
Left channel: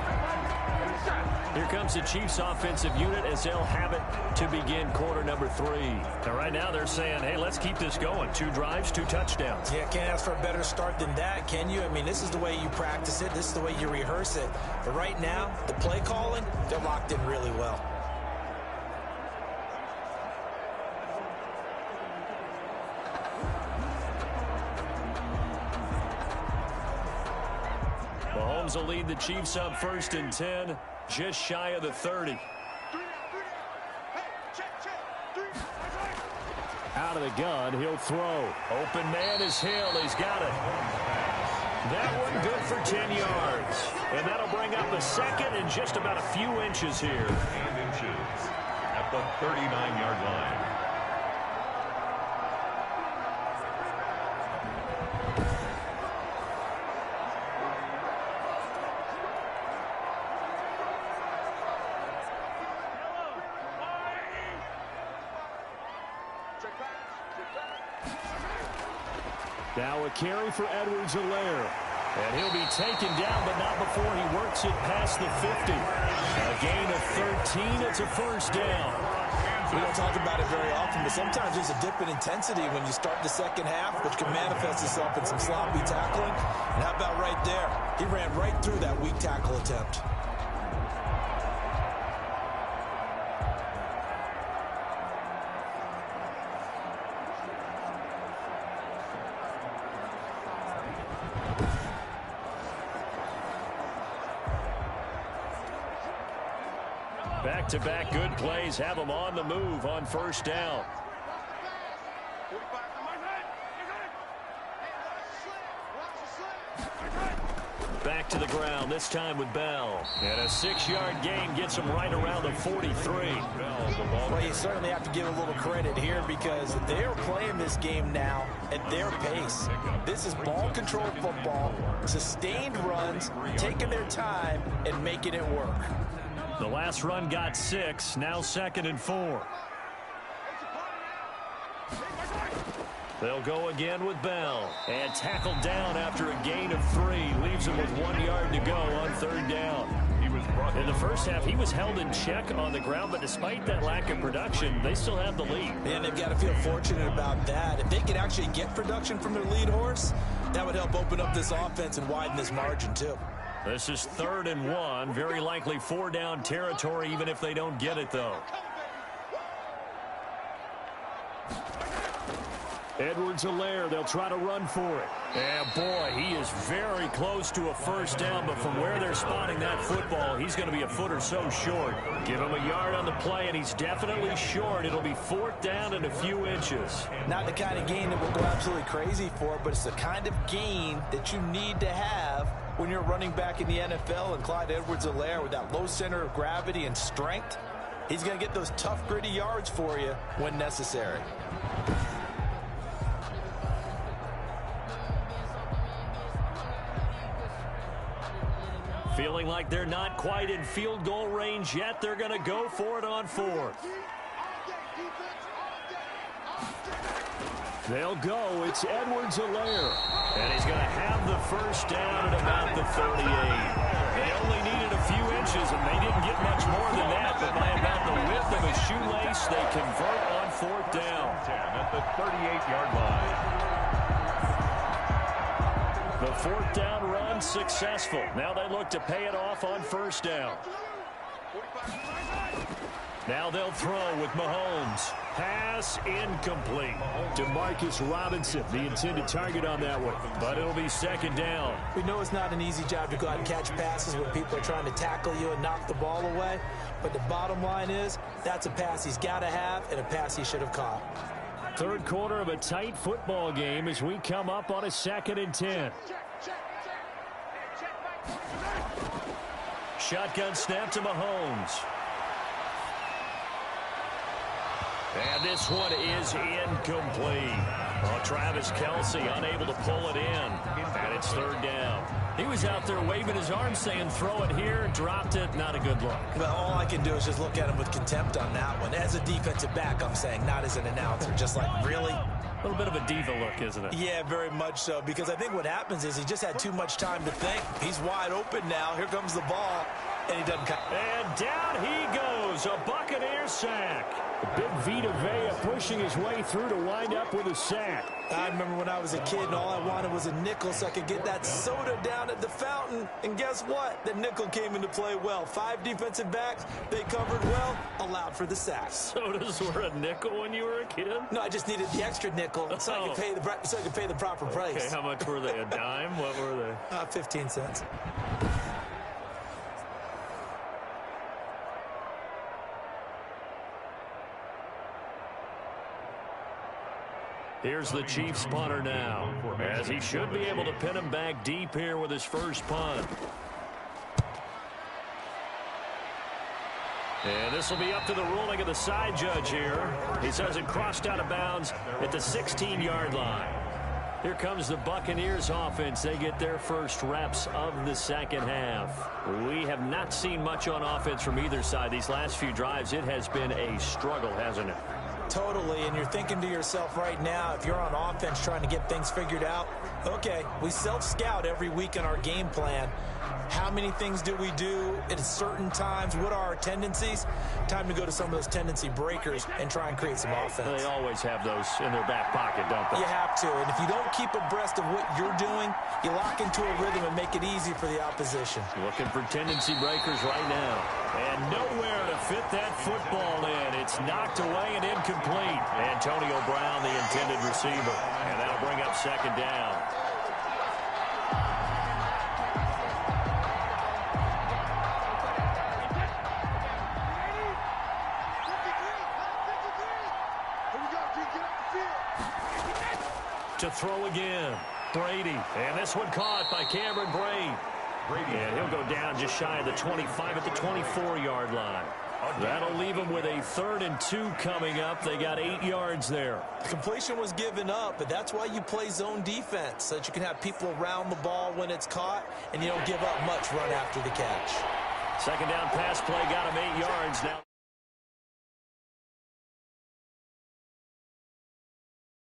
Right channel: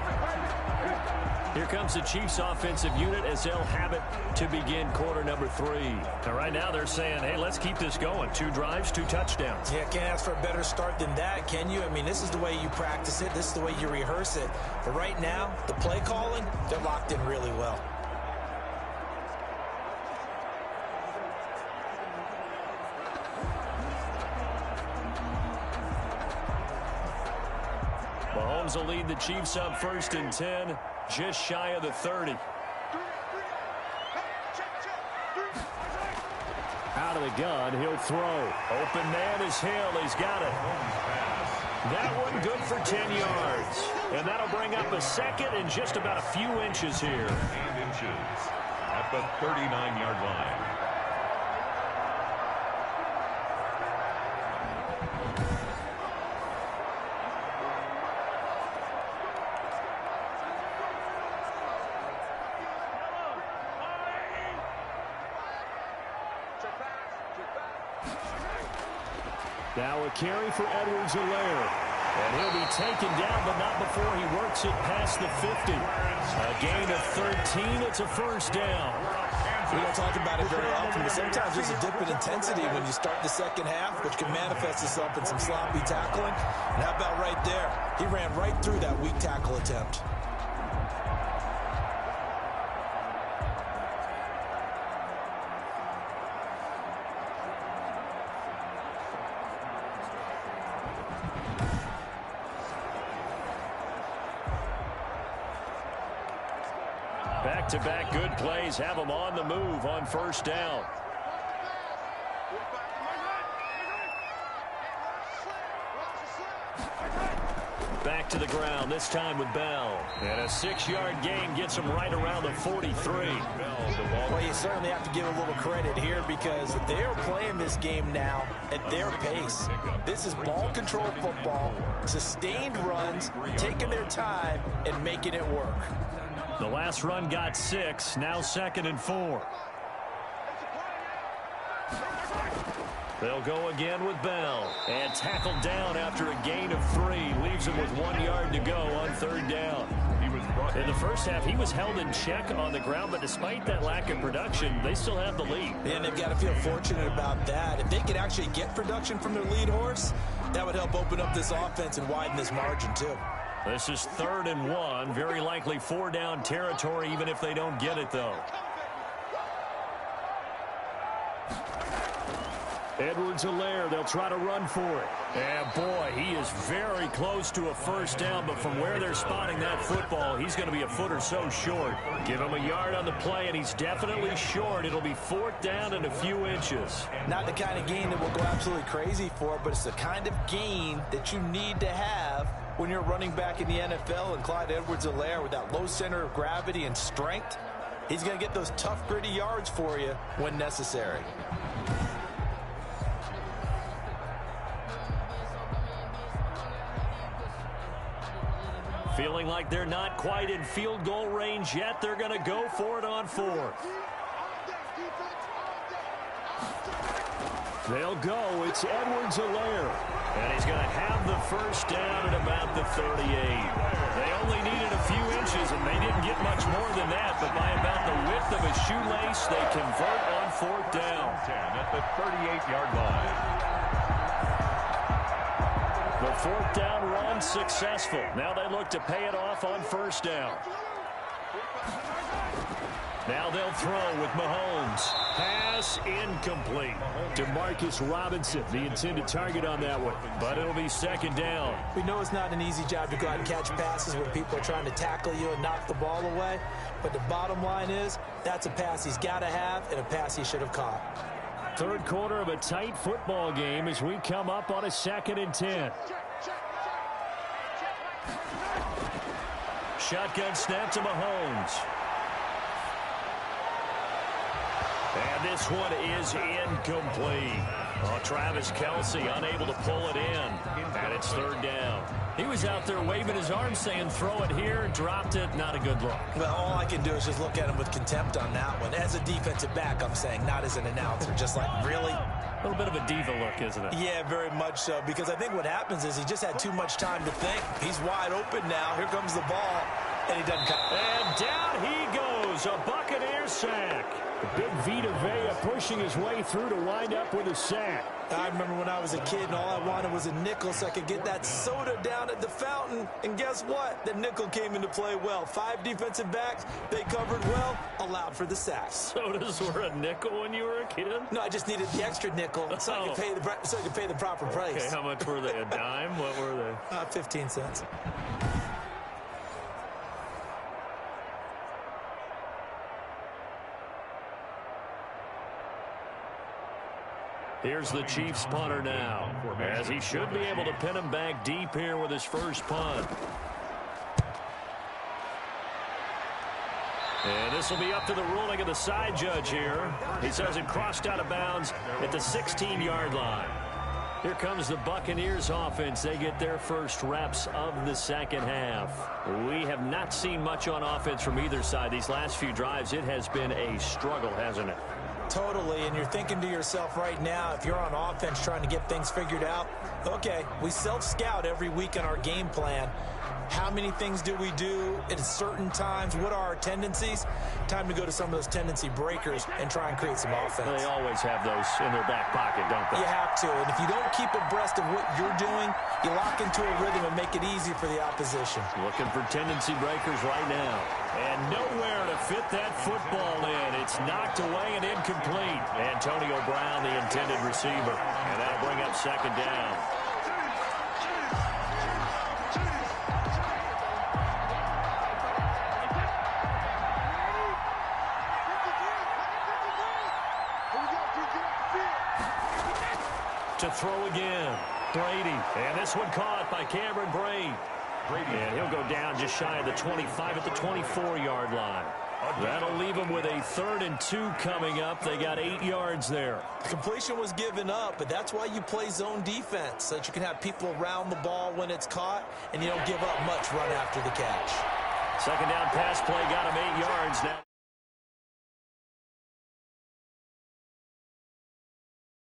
Here comes the Chiefs offensive unit as they'll have it to begin quarter number 3. Now, right now they're saying, hey, let's keep this going. 2 drives, 2 touchdowns. Yeah, can't ask for a better start than that, can you? I mean, this is the way you practice it. This is the way you rehearse it. But right now, the play calling, they're locked in really well. Mahomes will lead the Chiefs up 1st and 10, just shy of the 30. Out of the gun, he'll throw. Open man is Hill. He's got it. That one good for 10 yards. And that'll bring up a 2nd and just about a few inches here. And inches at the 39-yard line. Now a carry for Edwards-Helaire. And he'll be taken down, but not before he works it past the 50. A gain of 13. It's a 1st down. We don't talk about it very often, but sometimes there's a dip in intensity when you start the 2nd half, which can manifest itself in some sloppy tackling. And how about right there? He ran right through that weak tackle attempt. Back-to-back good plays have them on the move on 1st down. Back to the ground, this time with Bell. And a 6-yard gain gets him right around the 43. Well, you certainly have to give a little credit here because they're playing this game now at their pace. This is ball control football, sustained runs, taking their time and making it work. The last run got 6, now 2nd and 4. They'll go again with Bell. And tackled down after a gain of 3. Leaves him with 1 yard to go on 3rd down. In the first half, he was held in check on the ground, but despite that lack of production, they still have the lead. And they've got to feel fortunate about that. If they could actually get production from their lead horse, that would help open up this offense and widen this margin, too. This is 3rd and 1. Very likely 4-down territory, even if they don't get it, though. Edwards-Helaire, they'll try to run for it. And boy, he is very close to a first down, but from where they're spotting that football, he's going to be a foot or so short. Give him a yard on the play, and he's definitely short. It'll be 4th down and a few inches. Not the kind of gain that we'll go absolutely crazy for, but it's the kind of gain that you need to have when you're running back in the NFL. And Clyde Edwards-Helaire, with that low center of gravity and strength, he's going to get those tough, gritty yards for you when necessary. Feeling like they're not quite in field goal range yet. They're going to go for it on 4th. They'll go. It's Edwards-Helaire. And he's going to have the first down at about the 38. They only needed a few inches, and they didn't get much more than that. But by about the width of a shoelace, they convert on 4th down. 10 at the 38-yard line. The 4th down run successful. Now they look to pay it off on 1st down. Now they'll throw with Mahomes. Pass incomplete. Demarcus Robinson, the intended target on that one. But it'll be 2nd down. We know it's not an easy job to go out and catch passes where people are trying to tackle you and knock the ball away. But the bottom line is, that's a pass he's got to have and a pass he should have caught. 3rd quarter of a tight football game as we come up on a 2nd and 10. Shotgun snap to Mahomes. And this one is incomplete. Oh, Travis Kelce unable to pull it in. And it's 3rd down. He was out there waving his arms saying, throw it here, dropped it, not a good look. Well, all I can do is just look at him with contempt on that one. As a defensive back, I'm saying, not as an announcer. Just like, really? A little bit of a diva look, isn't it? Yeah, very much so. Because I think what happens is he just had too much time to think. He's wide open now. Here comes the ball. And he doesn't cut. And down he goes. A Buccaneer sack. Big Vita Vea pushing his way through to wind up with a sack. I remember when I was a kid and all I wanted was a nickel so I could get that soda down at the fountain. And guess what? The nickel came into play well. 5 defensive backs, they covered well, allowed for the sack. Sodas were a nickel when you were a kid? No, I just needed the extra nickel so I could pay the proper price. Okay, how much were they? A dime? What were they? 15 cents. Here's the Chiefs punter now, as he should be able to pin him back deep here with his first punt. And this will be up to the ruling of the side judge here. He says it crossed out of bounds at the 16-yard line. Here comes the Buccaneers offense. They get their first reps of the 2nd half. We have not seen much on offense from either side. These last few drives, it has been a struggle, hasn't it? Totally, and you're thinking to yourself right now, if you're on offense trying to get things figured out, okay, we self-scout every week in our game plan. How many things do we do at certain times? What are our tendencies? Time to go to some of those tendency breakers and try and create some offense. They always have those in their back pocket, don't they? You have to, and if you don't keep abreast of what you're doing, you lock into a rhythm and make it easy for the opposition. Looking for tendency breakers right now. And nowhere to fit that football in. It's knocked away and incomplete. Antonio Brown, the intended receiver. And that'll bring up 2nd down. To throw again. Brady. And this one caught by Cameron Brate. And he'll go down just shy of the 25 at the 24-yard line. That'll leave them with a 3rd and 2 coming up. They got 8 yards there. The completion was given up, but that's why you play zone defense, so that you can have people around the ball when it's caught, and you don't give up much run after the catch. 2nd down pass play got him 8 yards now.